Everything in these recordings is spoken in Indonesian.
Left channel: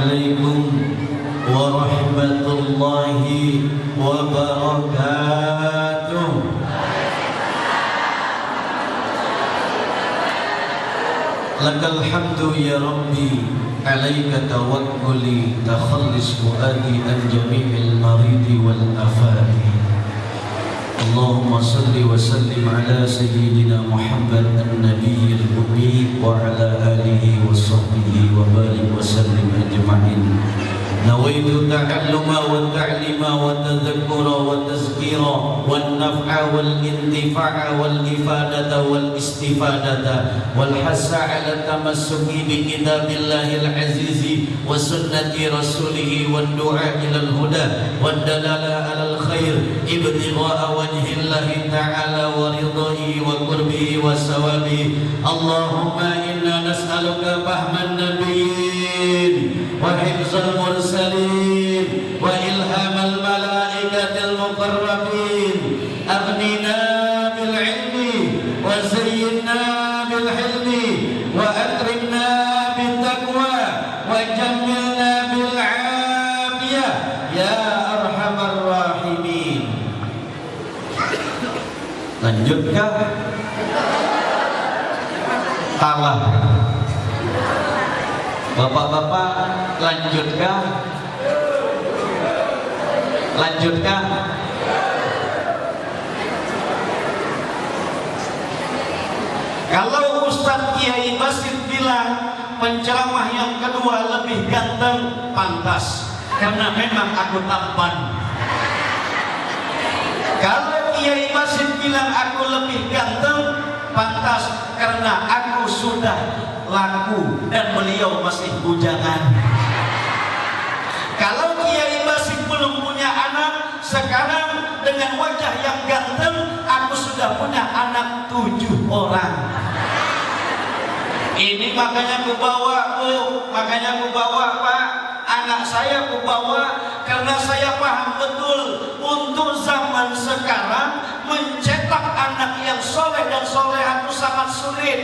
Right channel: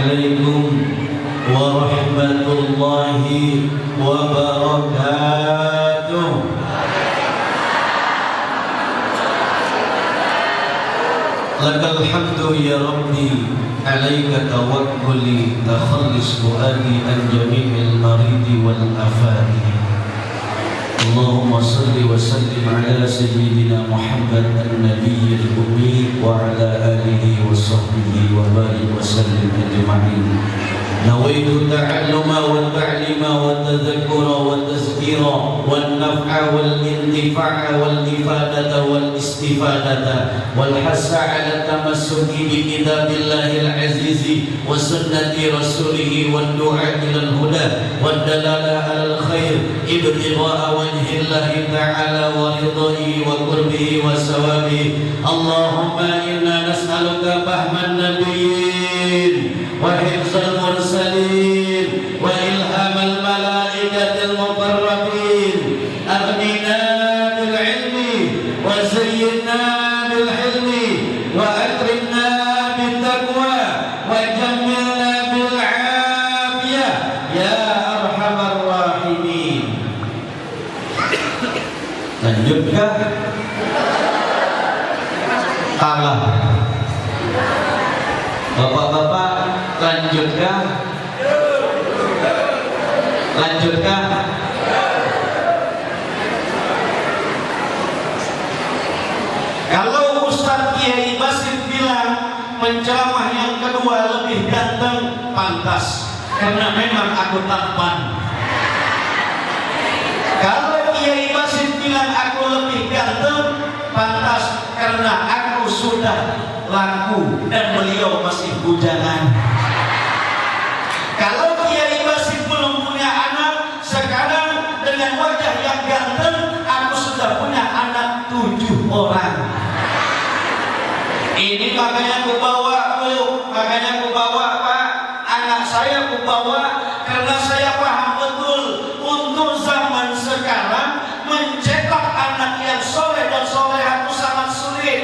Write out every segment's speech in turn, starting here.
عليكم ورحمة الله وبركاته. لك الحمد يا ربي عليك توكلي تخلص فؤادي عن جميع المريض والآفات. اللهم صل وسلم على سيدنا محمد النبي الأمي وعلى آله وصحبه وبارك وسلم أجمعين. نويت التعلم والتعليم والتذكر والتذكير والنفع والانتفاع والإفادة والاستفادة والحث على التمسك بكتاب الله العزيز وسنة رسوله والدعاء إلى الهدى والدلالة على الخير ابتغاء وجه الله تعالى ورضاه وقربه وثوابه. اللهم إنا نسألك فهم النبيين وحفظ المرسلين وإلهام الملائكة المقربين. أغننا بالعلم وزينا بالحلم وأكرمنا بالتقوى وجملنا بالعافية يا أرحم الراحمين. Lanjutkah? Kalah. Bapak-bapak, lanjutkah? Lanjutkah? Kalau Ustadz Kiai Basit bilang penceramah yang kedua lebih ganteng, pantas, karena memang aku tampan. Kalau Kiai Basit bilang aku lebih ganteng, pantas, karena aku sudah laku dan beliau masih bujangan. Kalau Kiai Basit belum punya anak, sekarang dengan wajah yang ganteng, aku sudah punya anak 7 orang. Ini makanya aku bawa, Bu, makanya aku bawa, Pak, anak saya aku bawa karena saya paham betul untuk zaman sekarang mencetak anak yang soleh dan solehah itu sangat sulit.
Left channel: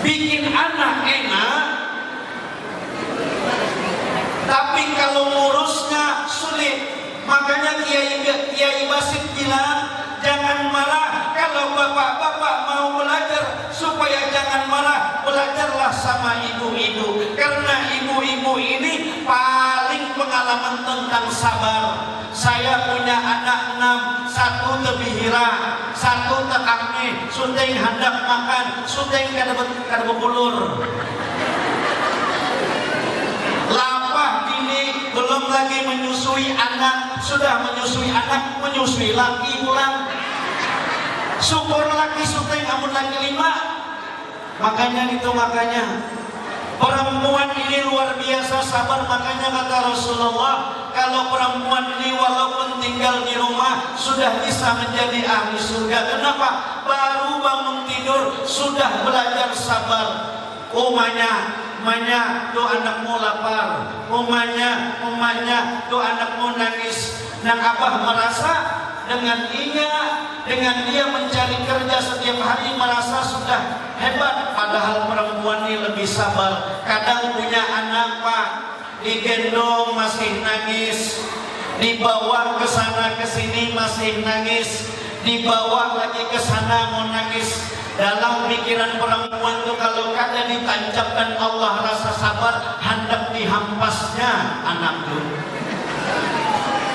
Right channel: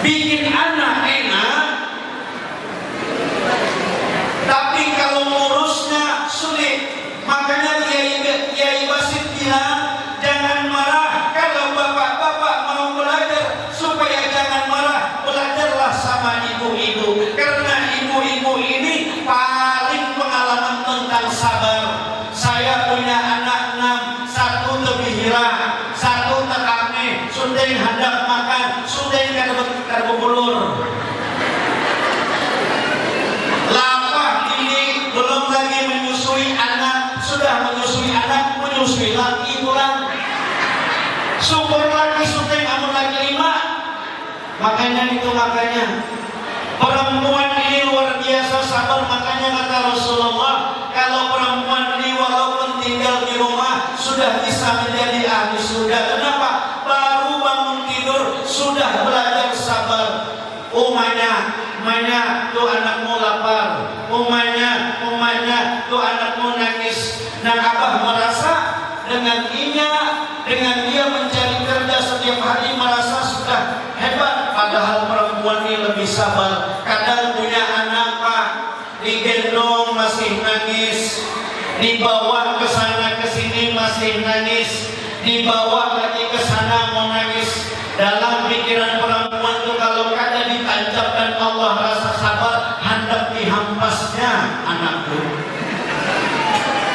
Bikin anak enak, tapi kalau ngurusnya sulit. Makanya Kiai Basit bilang, jangan marah kalau bapak-bapak mau belajar, supaya jangan marah, belajarlah sama ibu-ibu, karena ibu-ibu ini paling pengalaman tentang sabar. Saya punya anak 6, 1 lebihira, 1 tekame, sudah hendak makan, sudah kada bulur. Lapah ini belum lagi menyusui anak, sudah menyusui anak, menyusui laki pulang. Syukur lagi sudah amun lagi 5. Makanya perempuan ini luar biasa sabar. Makanya kata Rasulullah, kalau perempuan ini walaupun tinggal di rumah sudah bisa menjadi ahli surga. Kenapa? Baru bangun tidur sudah belajar sabar. Umanya tuh anakmu lapar, umanya tuh anakmu nangis. Dan Abah merasa dengan dia mencari kerja setiap hari merasa sudah hebat. Padahal perempuan ini lebih sabar. Kadang punya anak, Pak, digendong masih nangis, dibawa ke sana ke sini masih nangis, dibawa lagi ke sana mau nangis. Dalam pikiran perempuan itu kalau kada ditancapkan Allah rasa sabar, hendak dihampasnya anakku.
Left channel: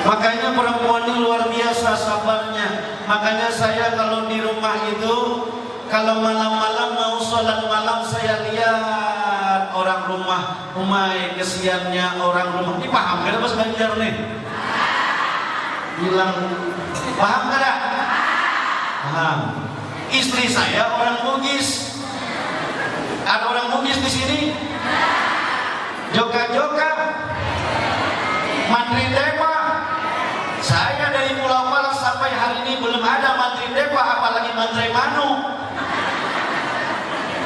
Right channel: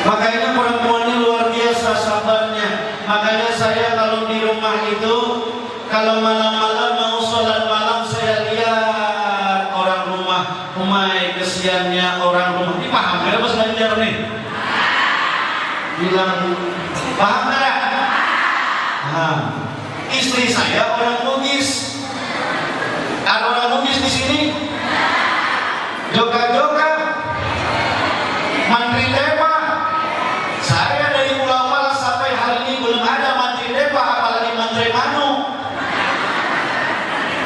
Makanya perempuan ini luar biasa sabarnya. Makanya saya kalau di rumah itu, kalau malam-malam mau sholat malam, saya lihat orang rumah, kesiannya orang rumah. Ini paham ada pas ngajar nih? Bilang paham ada? Paham. Istri saya orang Bugis. Ada orang Bugis di sini? Joga-joga, mantri depa. Saya dari Pulau Malas sampai hari ini belum ada mantri depa, apalagi mantri manu.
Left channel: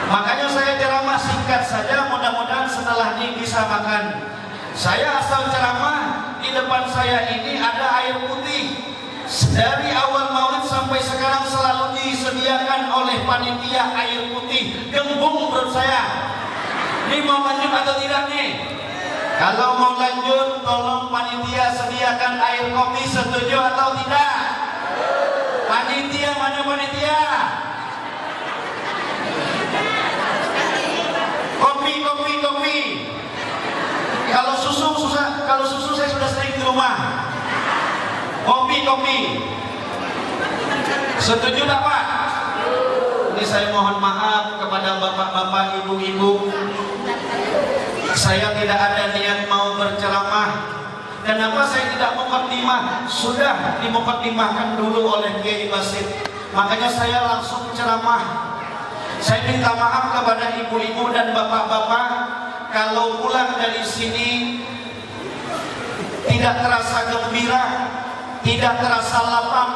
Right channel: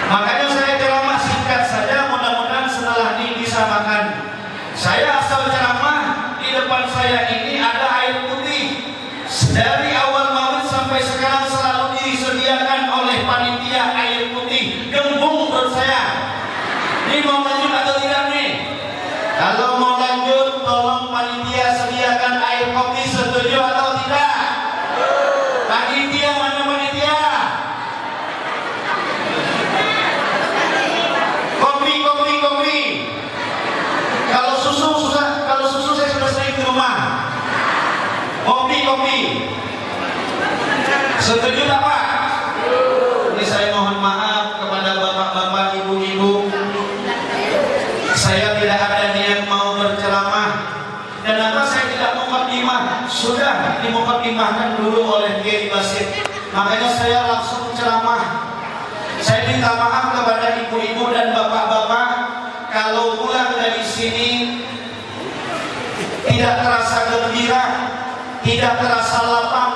Makanya saya ceramah singkat saja, mudah-mudahan setelah ini bisa makan. Saya asal ceramah, di depan saya ini ada air putih. Dari awal maulid sampai sekarang selalu disediakan oleh panitia air putih. Gembung perut saya. Ini mau lanjut atau tidak nih? kopi, setuju atau tidak? Panitia, mana panitia? Kopi. Kalau susu saya sudah sering di rumah. Kopi. Setuju tak Pak? Ini saya mohon maaf kepada bapak-bapak, ibu-ibu. Saya tidak ada niat mau berceramah. Kenapa saya tidak mukadimah? Sudah dimukadimahkan dulu oleh Kiai Basit. Makanya saya langsung ceramah. Saya minta maaf kepada ibu-ibu dan bapak-bapak kalau pulang dari sini tidak terasa gembira, tidak terasa lapang.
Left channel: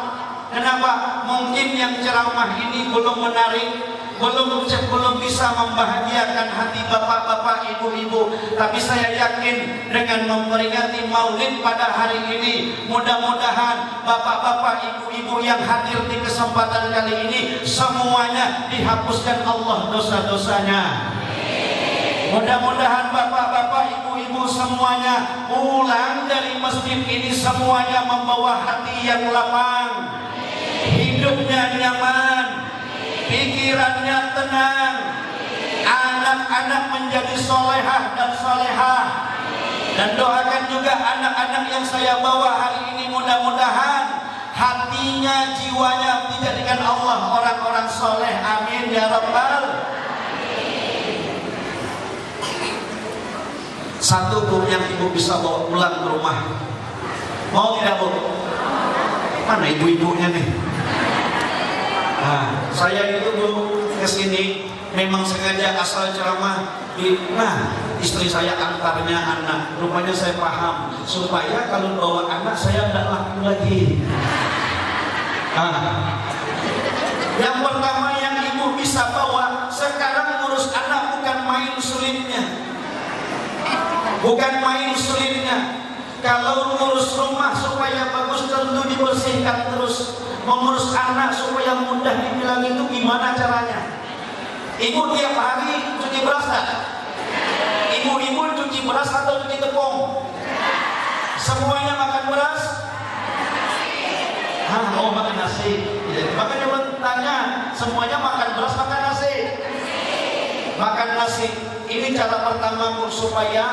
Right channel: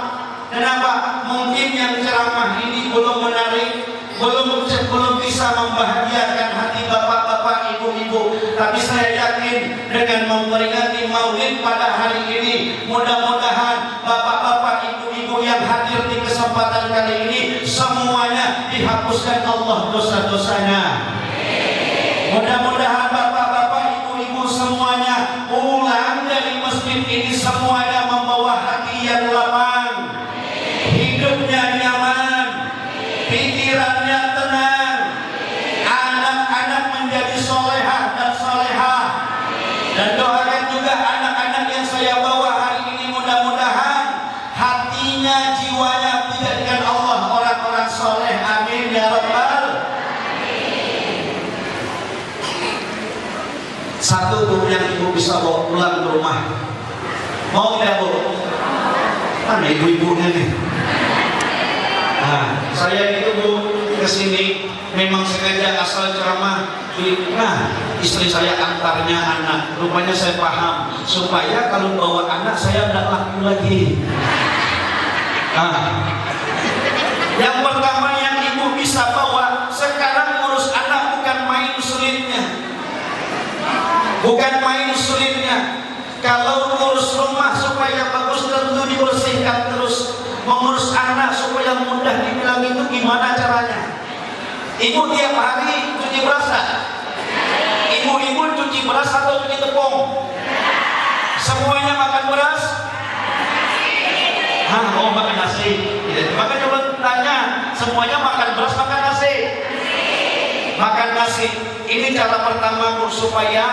Kenapa? Mungkin yang ceramah ini belum menarik, belum bisa membahagiakan hati bapak-bapak, ibu-ibu. Tapi saya yakin dengan memperingati Maulid pada hari ini, mudah-mudahan bapak-bapak, ibu-ibu yang hadir di kesempatan kali ini semuanya dihapuskan Allah dosa-dosanya. Mudah-mudahan bapak-bapak, ibu-ibu semuanya pulang dari masjid ini semuanya membawa hati yang lapang, hidupnya nyaman, pikirannya tenang, anak-anak menjadi solehah dan solehah. Dan doakan juga anak-anak yang saya bawa hari ini, mudah-mudahan hatinya, jiwanya dijadikan Allah orang-orang soleh. Amin ya Rabbal. Satu Bu yang ibu bisa bawa pulang ke rumah. Mau tidak Bu? Mana ibu-ibunya nih? Nah, saya itu Bu kesini memang sengaja asal ceramah. Nah, istri saya antarnya anak. Rupanya saya paham supaya kalau bawa anak saya tidak laku lagi. Nah, yang pertama yang ibu bisa bawa sekarang ngurus anak bukan main sulitnya. Bukan main sulitnya. Kalau ngurus rumah supaya bagus tentu dibersihkan terus. Mengurus anak supaya mudah dibilang itu gimana caranya? Ibu tiap hari cuci beras tak? Ibu-ibu cuci beras atau cuci tepung? Semuanya makan beras? Oh makan nasi. Makanya coba tanya, semuanya makan beras makan nasi? Makan nasi. Ini cara pertama supaya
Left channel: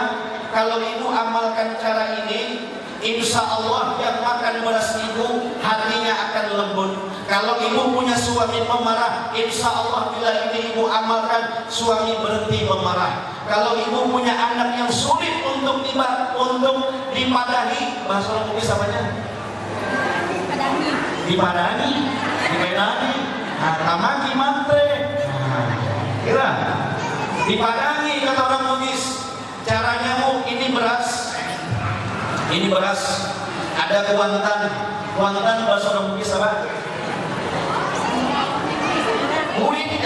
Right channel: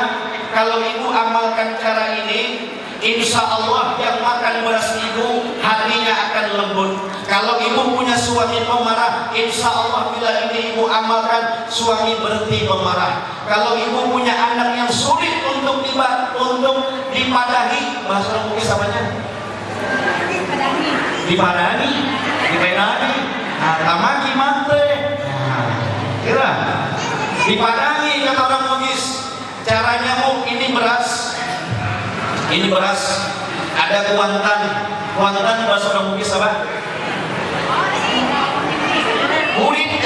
kalau ibu amalkan cara ini, insya Allah yang makan beras ibu hatinya akan lembut. Kalau ibu punya suami pemarah, insya Allah bila ini ibu amalkan, suami berhenti memarah. Kalau ibu punya anak yang sulit untuk dipadahi, bahasa orang Bugis apanya? Dipadahi. Nah, tamaki mante. Nah, kira dipadahi kata orang Bugis. Caranya Bu, ini beras, ada kuantan bahasa orang Bugis apa? Kulit,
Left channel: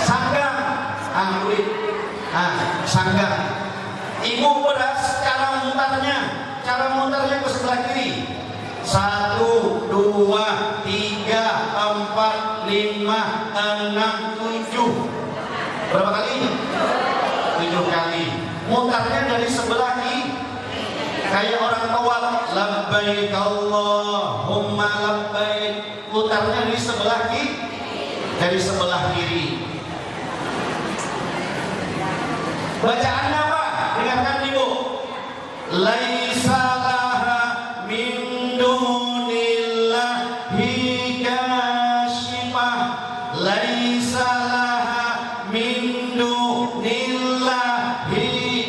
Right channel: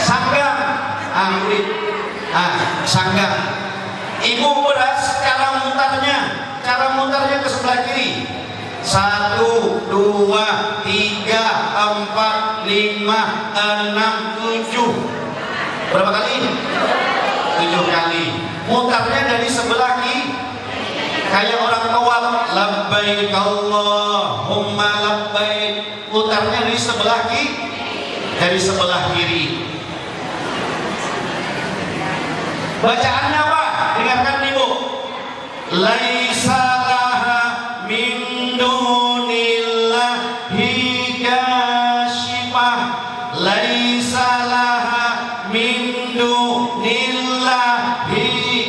sanggang, sanggang. Ibu beras, cara mutarnya ke sebelah kiri. 1, 2, 3, 4, 5, 6, 7. Berapa kali? 7 kali. Mutarnya dari sebelah kiri. Kayak orang tawaf, labbaik Allahumma labbaik. Mutarnya dari sebelah kiri. Bacaannya apa? Dengarkan Ibu. Laisa laha min dunillahi kasyifah. Laisa laha min dunillahi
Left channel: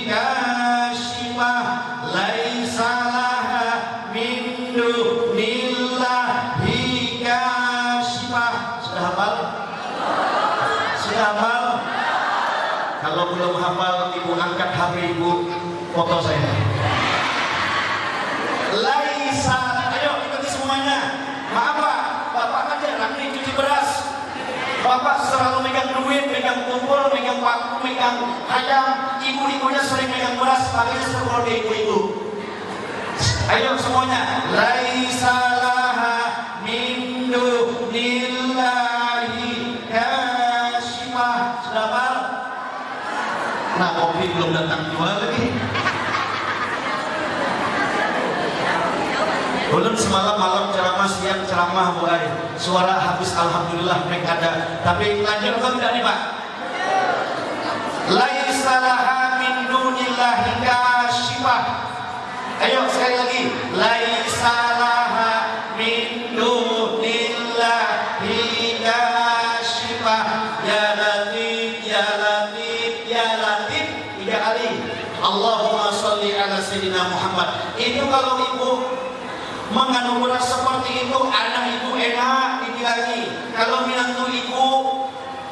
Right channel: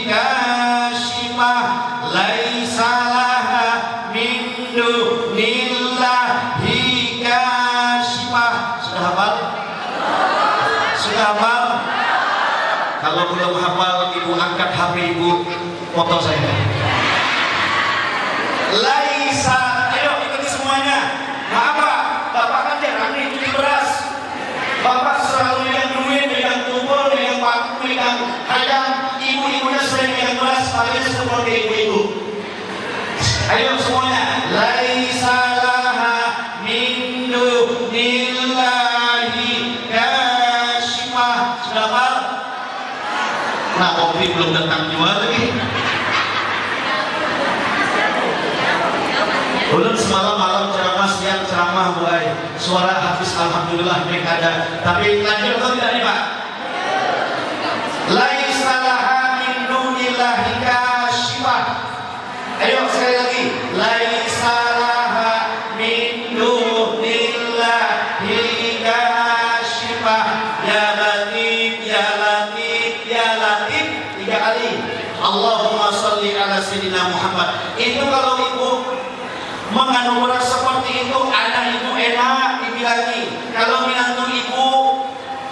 kasyifah. Laisa laha min dunillahi kasyifah. Sudah hafal? Sudah hafal? Kalau belum hafal, ibu angkat HP ibu, foto saya. Laisa, ayo ikuti semuanya. Maaf Pak, Bapak kan jarang nih cuci beras. Bapak selalu megang duit, megang tumpul, megang paku, megang ayam. Ibu-ibunya sering megang beras, makanya seperti ke ibu-ibu. Ayo semuanya. Laisa laha min dunillahi kasyifah. Sudah hafal? Nah, kopi belum datang jual lagi. Ulun semalam malam ceramah, siang ceramah, buai suara habis alhamdulillah mereka ada. Tapi lanjut atau tidak nih Pak? Laisa laha min dunillahi kasyifah. Ayo sekali lagi. Laisa laha min dunillahi kasyifah. Ya Latif, ya Latif, ya Latif. 3 kali. Allahumma sholli ala sayyidina Muhammad. Itu kalau ibu mengandung beras seperti itu, anak ibu enak dibilangi. Kalau minantu ibu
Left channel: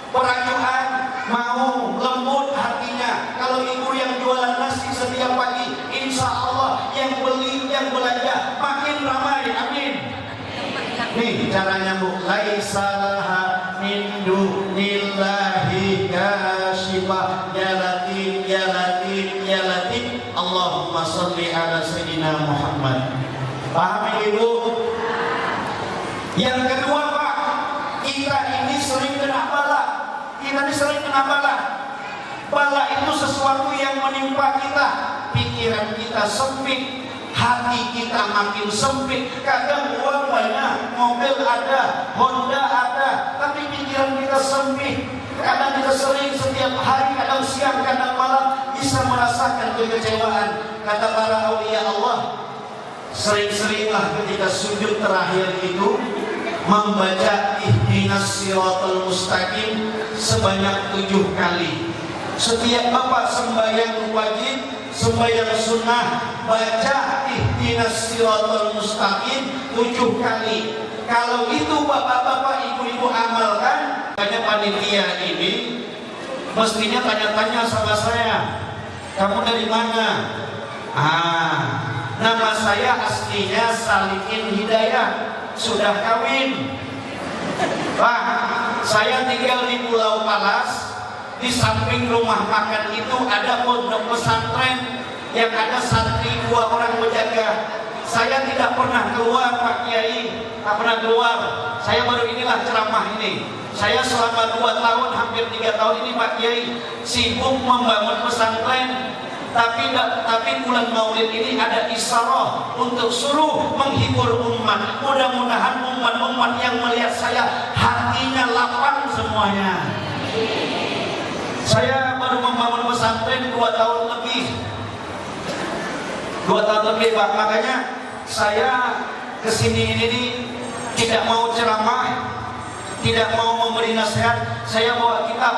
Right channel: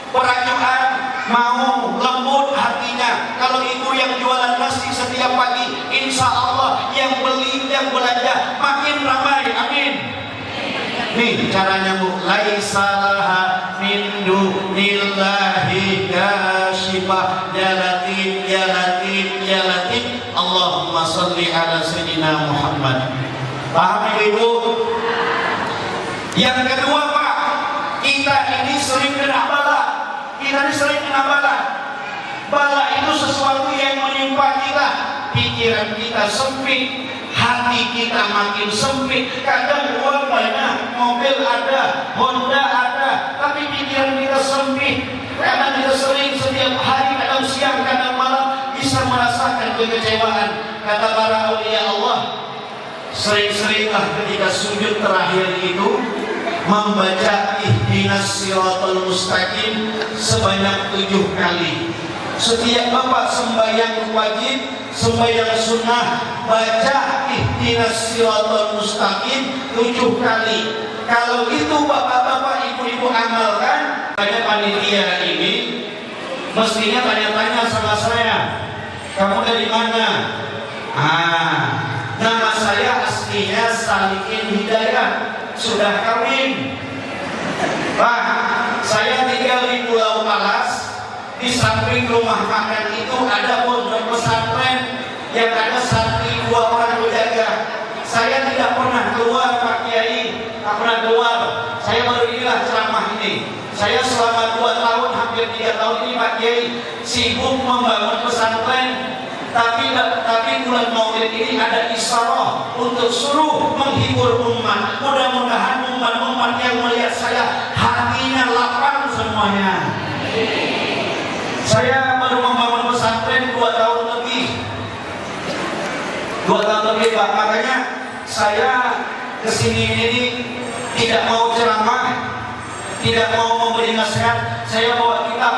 perajuan, mau lembut hatinya. Kalau ibu yang jualan nasi setiap pagi, insya Allah yang beli, yang belanja makin ramai. Amin. Nih caranya bu. Laisa laha min dunillahi kasyifah. Ya Latif, ya Latif, ya Latif. Allahumma sholli ala sayyidina Muhammad. Paham ibu? Yang kedua Pak, kita ini sering kena bala. Kita ini sering kena bala. Bala itu sesuatu yang menimpa kita. Pikiran kita sempit, hati kita makin sempit. Kadang uang banyak, mobil ada, Honda ada, tapi pikiran kita sempit. Kadang kita sering setiap hari, kadang siang, kadang malam bisa merasakan kekecewaan. Kata para aulia Allah, sering-seringlah ketika sujud terakhir itu membaca ihdinas siratal mustaqim sebanyak 7 kali. Setiap bapak sembahyang wajib, sembahyang sunnah, baca ihdinas siratal mustaqim 7 kali. Kalau itu bapak-bapak, ibu-ibu amalkan, banyak panitia ini mestinya tanya-tanya sama saya, kamu dari mana? Nama saya aslinya Salikin Hidayah, sudah kawin. Pak, saya tinggal di Pulau Palas. Di samping rumah makan itu ada pondok pesantren yang ada santri 2 orang berjaga. Saya tidak pernah keluar Pak Kiai, tak pernah keluar. Saya baru inilah ceramah ini. Saya selama 2 tahun, hampir 3 tahun ini Pak Kiai sibuk membangun pesantren. Tapi bulan Maulid ini ada isyarah untuk suruh menghibur umat. Mudah-mudahan umat-umat yang melihat saya hatinya lapang semuanya. Saya baru membangun pesantren 2 tahun lebih. 2 tahun lebih Pak. Makanya saya kesini ini tidak mau ceramah, tidak mau memberi nasihat. Saya bawa kitab.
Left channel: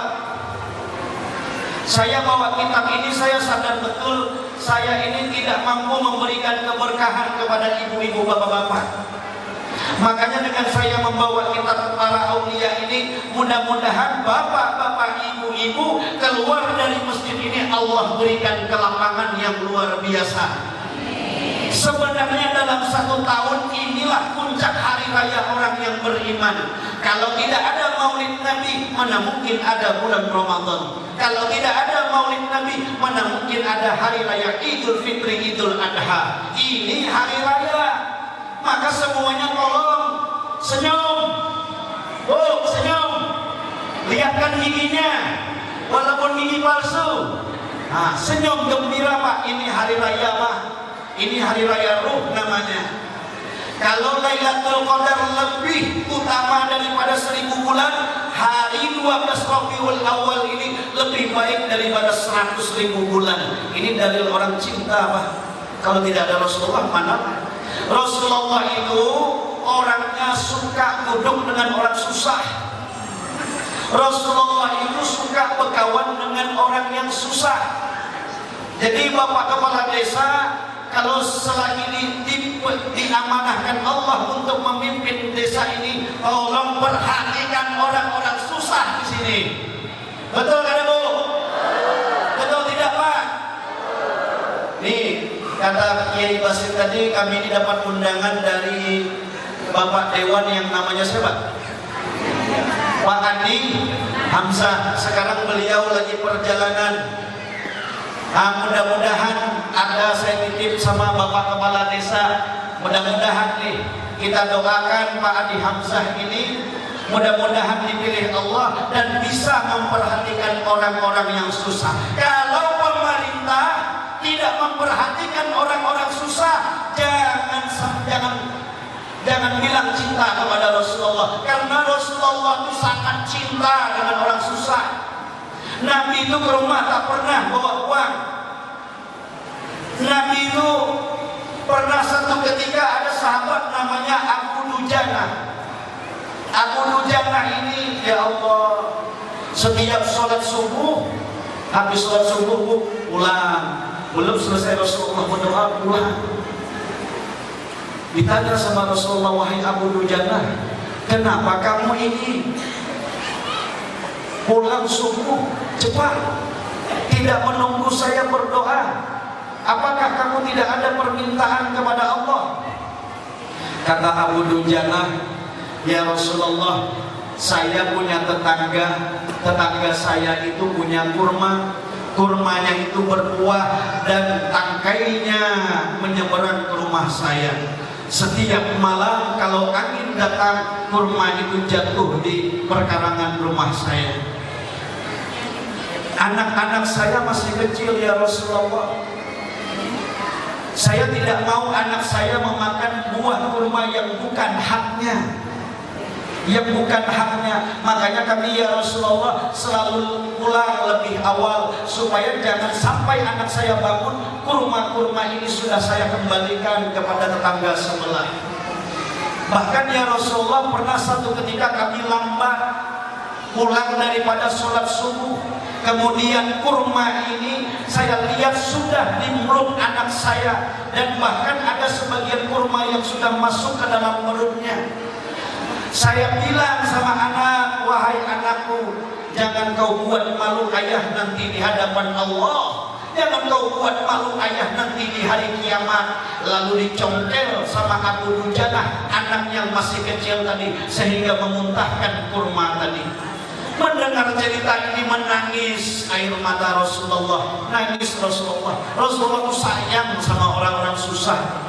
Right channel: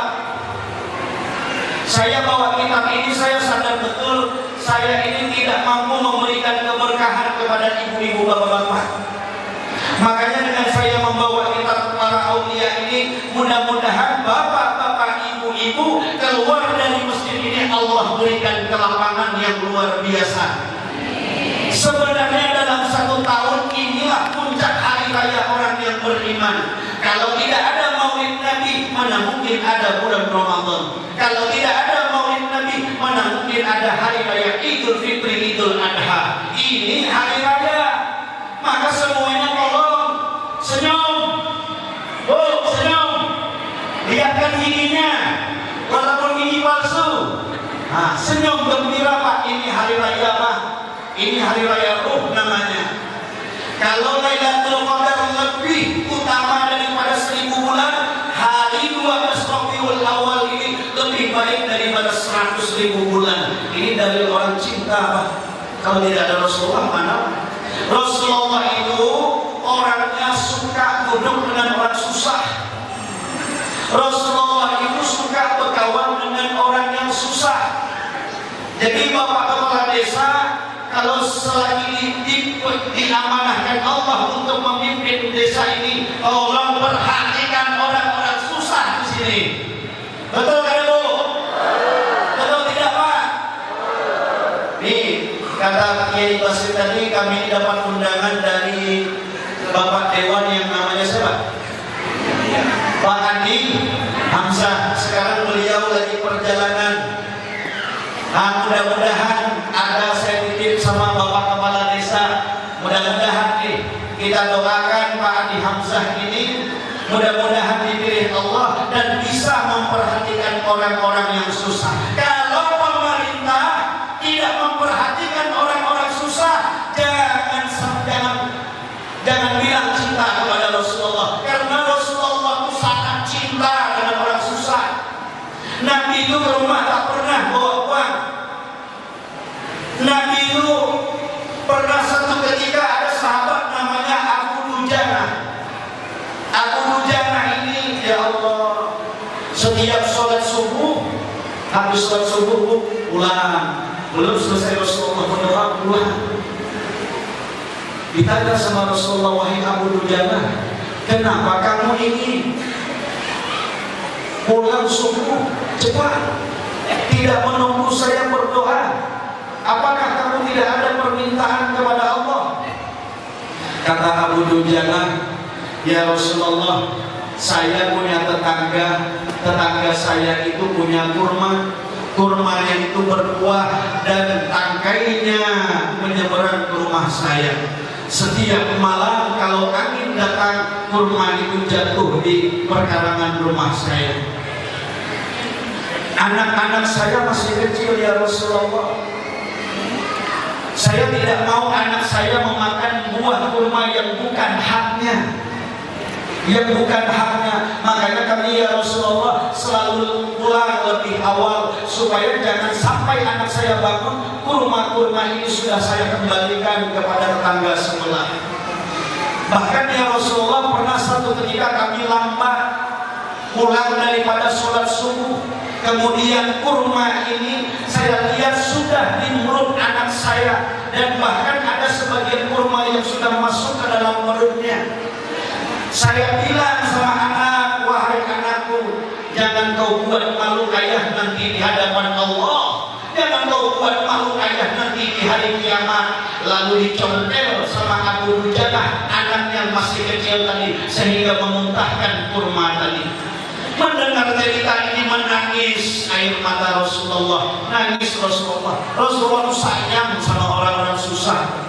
Saya bawa kitab ini, saya sadar betul saya ini tidak mampu memberikan keberkahan kepada ibu-ibu bapak-bapak. Makanya dengan saya membawa kitab para aulia ini, mudah-mudahan bapak-bapak, ibu-ibu keluar dari masjid ini Allah berikan kelapangan yang luar biasa. Sebenarnya dalam 1 tahun inilah puncak hari raya orang yang beriman. Kalau tidak ada Maulid Nabi, mana mungkin ada bulan Ramadan. Kalau tidak ada Maulid Nabi, mana mungkin ada hari raya Idul Fitri, Idul Adha. Ini hari raya. Maka semuanya tolong senyum. Oh, senyum. Lihatkan giginya, walaupun gigi palsu. Senyum gembira Pak. Ini hari raya Pak. Ini hari raya ruh namanya. Kalau Lailatul Qadar lebih utama daripada 1000 bulan, hari 12 Rabiul Awal ini lebih baik daripada 100.000 bulan. Ini dari orang cinta Pak. Kalau tidak ada Rasulullah mana? Rasulullah itu orangnya suka duduk dengan orang susah. Rasulullah itu suka berkawan dengan orang yang susah. Jadi Bapak Kepala Desa, kalau selagi diamanahkan Allah untuk memimpin desa ini, tolong perhatikan orang-orang susah di sini. Betul kan Bu? Betul tidak Pak? Nih, kata Kiai Basir tadi, kami dapat undangan dari Bapak Dewan yang namanya siapa? Pak Andi Hamzah. Sekarang beliau lagi perjalanan. Mudah-mudahan ada saya titip sama Bapak Kepala Desa. Mudah-mudahan kita doakan Pak Andi Hamzah ini mudah-mudahan dipilih Allah dan bisa memperhatikan orang-orang yang susah. Kalau pemerintah tidak memperhatikan orang-orang susah, jangan ke rumah tak pernah bawa uang. Nabi itu pernah satu ketika ada sahabat namanya Abu Dujana. Abu Dujana ini, ya Allah, setiap sholat subuh, habis sholat subuh pulang, belum selesai Rasulullah berdoa pulang. Ditanya sama Rasulullah, wahai Abu Dujana, kenapa kamu ini pulang subuh cepat, tidak menunggu saya berdoa? Apakah kamu tidak ada permintaan kepada Allah? Kata Abu Dujana, ya Rasulullah, saya punya tetangga saya itu punya kurmanya itu berbuah dan tangkainya menyeberang ke rumah saya. Setiap malam kalau angin datang, kurma itu jatuh di perkarangan rumah saya. Anak-anak saya masih kecil ya Rasulullah. Saya tidak mau anak saya memakan buah kurma yang bukan haknya. Makanya kami ya Rasulullah selalu pulang lebih awal, supaya jangan sampai anak saya bangun kurma ini sudah saya kembalikan kepada tetangga sebelah. Bahkan ya Rasulullah pernah satu ketika kami lambat pulang daripada sholat subuh, kemudian kurma ini saya lihat sudah di mulut anak saya, dan bahkan ada sebagian kurma yang sudah masuk ke dalam mulutnya. Saya bilang sama anak, wahai anakku, jangan kau buat malu ayah nanti di hadapan Allah, jangan kau buat malu ayah nanti di hari kiamat. Lalu dicongkel sama Abu Dujana, anaknya masih kecil tadi, sehingga memuntahkan kurma tadi. Mendengar cerita ini menangis air mata Rasulullah, nangis Rasulullah. Rasulullah itu sayang sama orang-orang susah.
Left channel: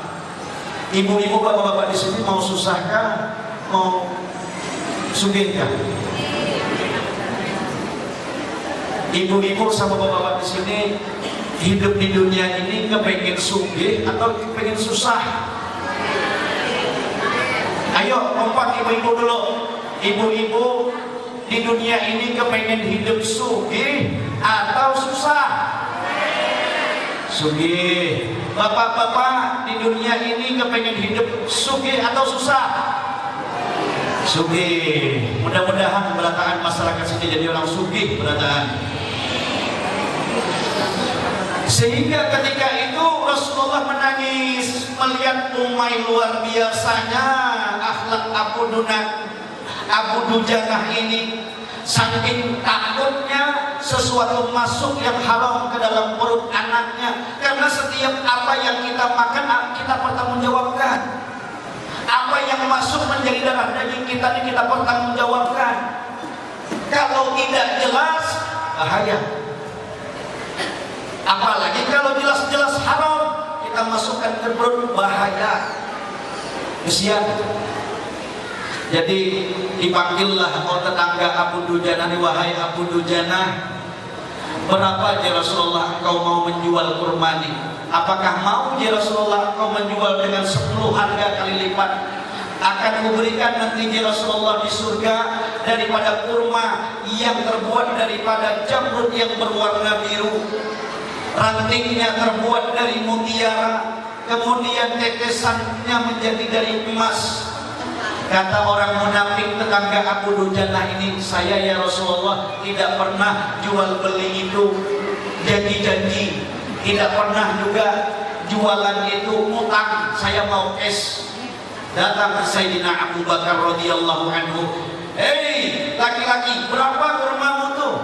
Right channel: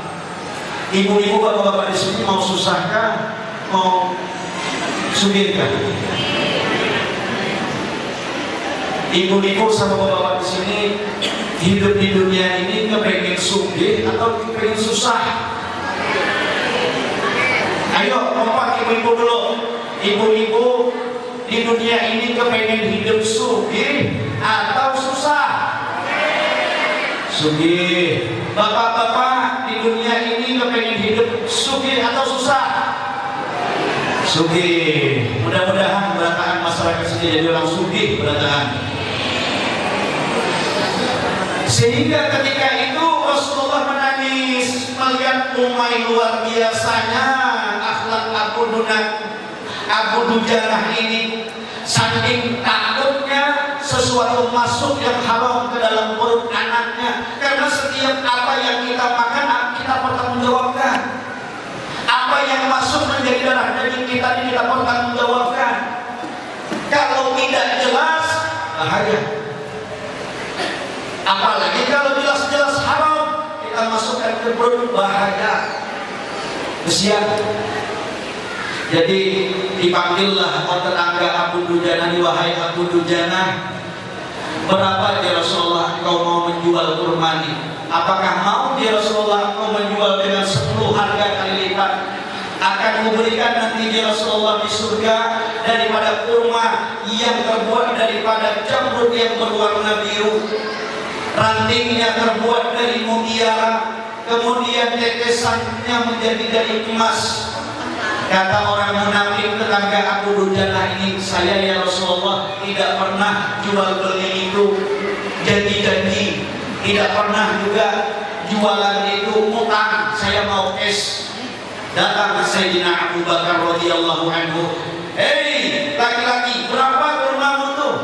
Ibu-ibu, bapak-bapak di sini mau susahkah? Mau sugihkah? Ibu-ibu sama bapak-bapak di sini hidup di dunia ini kepengen sugih atau kepengen susah? Ayo kompak ibu-ibu dulu. Ibu-ibu di dunia ini kepengen hidup sugih atau susah? Sugih. Bapak-bapak di dunia ini kepengen hidup sugih atau susah? Sugih. Mudah-mudahan berataan masyarakat sini jadi orang sugih berataan. Sehingga ketika itu Rasulullah menangis melihat umai luar biasanya akhlak Abu Dujana ini. Saking takutnya sesuatu masuk yang haram ke dalam perut anaknya, karena setiap apa yang kita makan kita pertanggungjawabkan. Apa yang masuk menjadi darah daging kita ini kita pertanggungjawabkan. Kalau tidak jelas, bahaya. Apalagi kalau jelas-jelas haram kita masukkan ke perut, bahaya. Kesian. Jadi dipanggillah tetangga Abu Dujana, wahai Abu Dujana, berapa ya Rasulullah engkau mau menjual kurma ini? Apakah mau ya Rasulullah engkau menjual dengan 10 harga kali lipat? Akan memberikan nanti ya Rasulullah di surga daripada kurma yang terbuat daripada jamrut yang berwarna biru, rantingnya terbuat dari mutiara, kemudian tetesannya menjadi dari emas. Kata orang munafik tetangga Abu Dujana ini, saya ya Rasulullah tidak pernah jual beli itu janji-janji, tidak pernah juga jualan itu utang, saya mau cash. Datang ke Sayyidina Abu Bakar radhiyallahu anhu, hei laki-laki, berapa kurmamu tuh?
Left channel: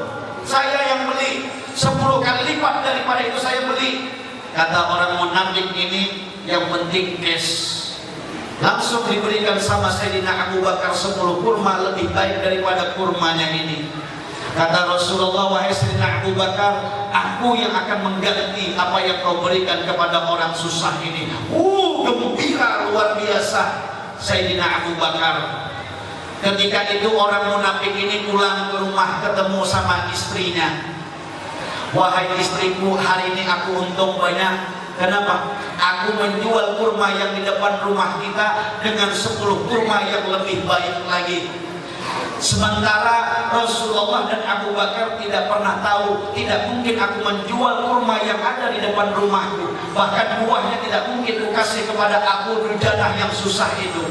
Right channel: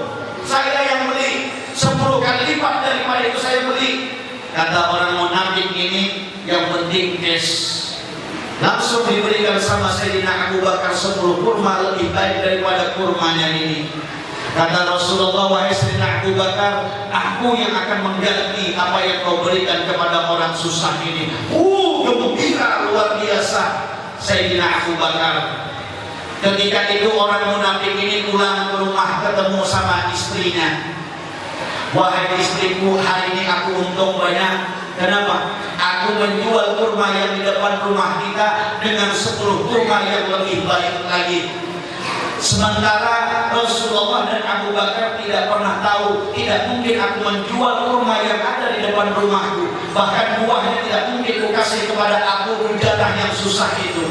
Saya yang beli 10 kali lipat daripada itu saya beli. Kata orang munafik ini, yang penting cash. Langsung diberikan sama Sayyidina Abu Bakar 10 kurma, lebih baik daripada kurmanya ini. Kata Rasulullah, wahai Sayyidina Abu Bakar, aku yang akan mengganti apa yang kau berikan kepada orang susah ini. Gembira luar biasa Sayyidina Abu Bakar. Ketika itu orang munafik ini pulang ke rumah, ketemu sama istrinya. Wahai istriku, hari ini aku untung banyak. Kenapa? Aku menjual kurma yang di depan rumah kita dengan 10 kurma yang lebih baik lagi. Sementara Rasulullah dan Abu Bakar tidak pernah tahu, tidak mungkin aku menjual kurma yang ada di depan rumahku. Bahkan buahnya tidak mungkin aku kasih kepada Abu Hujalah yang susah itu.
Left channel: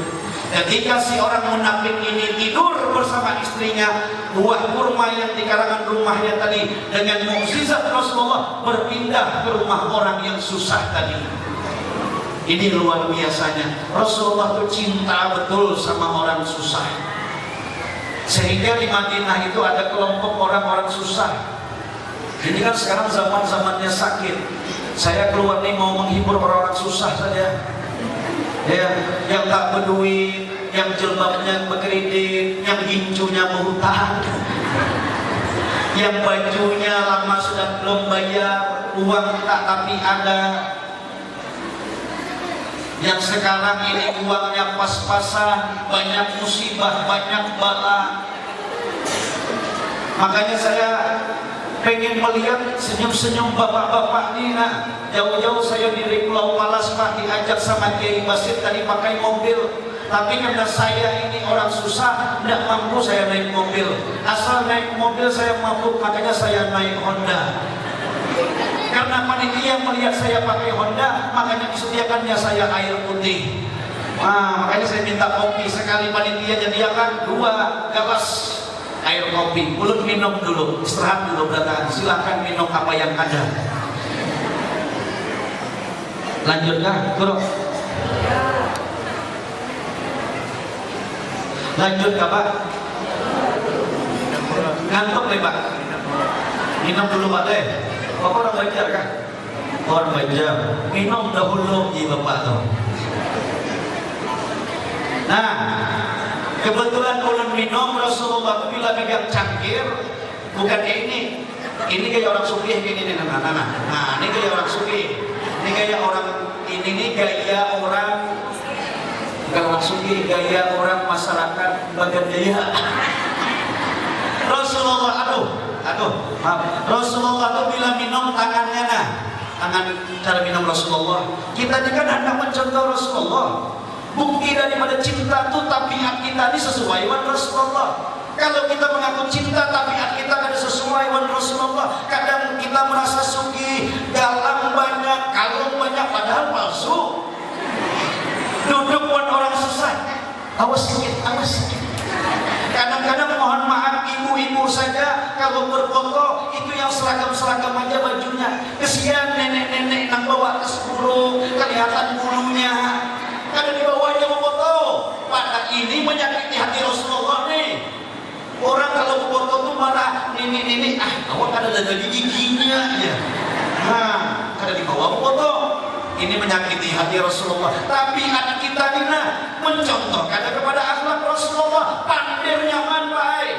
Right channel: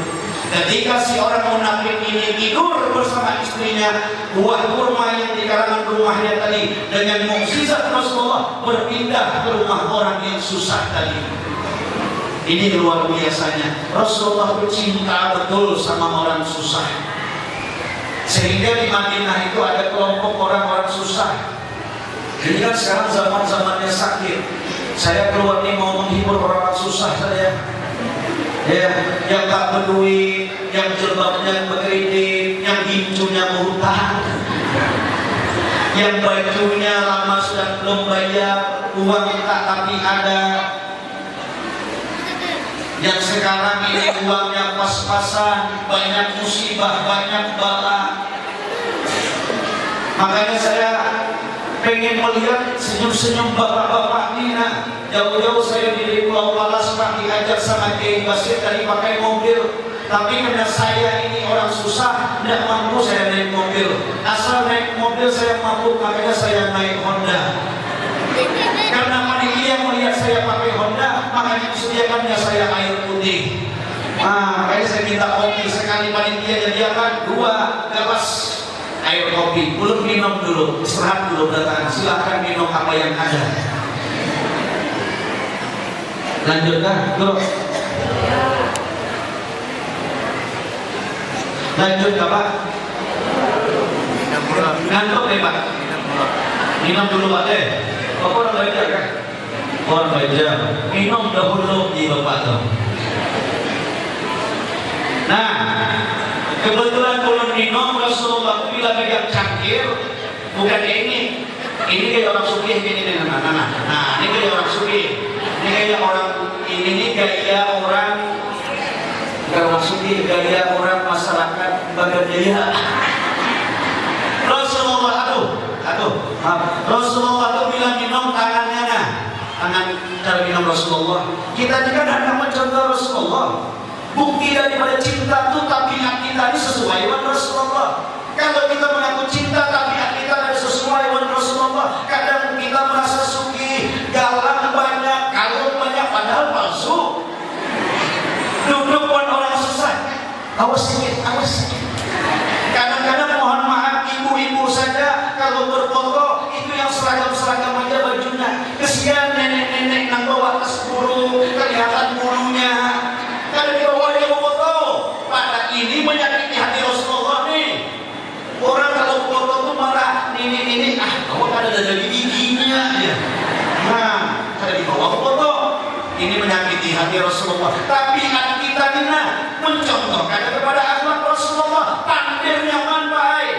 Ketika si orang munafik ini tidur bersama istrinya, buah kurma yang di karangan rumahnya tadi dengan mukjizat Rasulullah berpindah ke rumah orang yang susah tadi. Ini luar biasanya. Rasulullah cinta betul sama orang susah. Sehingga di Madinah itu ada kelompok orang-orang susah. Ini kan sekarang zaman-zamannya sakit. Saya keluar ini mau menghibur orang-orang susah saja. Ya, yang tak berduit, yang jilbabnya berkredit, yang gincunya berhutang, yang bajunya lama sudah belum bayar, uang tak tapi ada. Yang sekarang ini uangnya pas-pasan, banyak musibah, banyak bala. Makanya saya pengen melihat senyum-senyum bapak-bapak ini. Jauh-jauh saya di Pulau Walas Pak diajak sama Kiai Basir tadi pakai mobil. Tapi karena saya ini orang susah, tidak mampu saya naik mobil. Asal naik mobil saya mampu, makanya saya naik Honda. Karena panitia melihat saya pakai Honda, makanya disediakannya saya air putih. Makanya saya minta kopi sekali panitia sediakan 2 gelas air kopi. Belum minum dulu, istirahat dulu belakangan. Silakan minum apa yang ada. Lanjutkan, Guru. Lanjut Pak. Ngantuk nih Pak. Minum dulu Pak deh. Bapak orang belajar kan? Orang belajar. Minum dahulu di Bapak tuh. Nah, kebetulan kalau minum Rasulullah itu bila pegang cangkir, bukan ini kayak orang sugih gini. Nah, ini kayak orang sugih. Ini kayak orang ini gaya orang bukan sugih, gaya orang masyarakat Bagan Jaya. Rasulullah Rasulullah itu bila minum tangannya tangan cara minum Rasulullah. Kita juga hendak mencontoh Rasulullah. Bukti daripada cinta itu tabiat kita ini sesuai dengan Rasulullah. Kalau kita mengaku cinta tabiat kita tidak sesuai dengan Rasulullah, kadang kita merasa suki, galang banyak, kalung banyak, padahal palsu. Duduk pun orang susah. Awas sedikit. Kadang-kadang mohon maaf ibu-ibu saja kalau berfoto itu yang seragam-seragam aja bajunya. Kesian nenek-nenek yang bawa tas bulu, kelihatan bulunya. Kalau di bawahnya mau foto, pada ini menyakiti hati Rasulullah nih. Orang kalau foto tuh marah, ini, awak ada dari giginya ya. Nah, kalau di bawah foto, ini menyakiti hati Rasulullah. Tapi hati kita ini mencontohkan kepada akhlak Rasulullah. Pandir nyaman baik.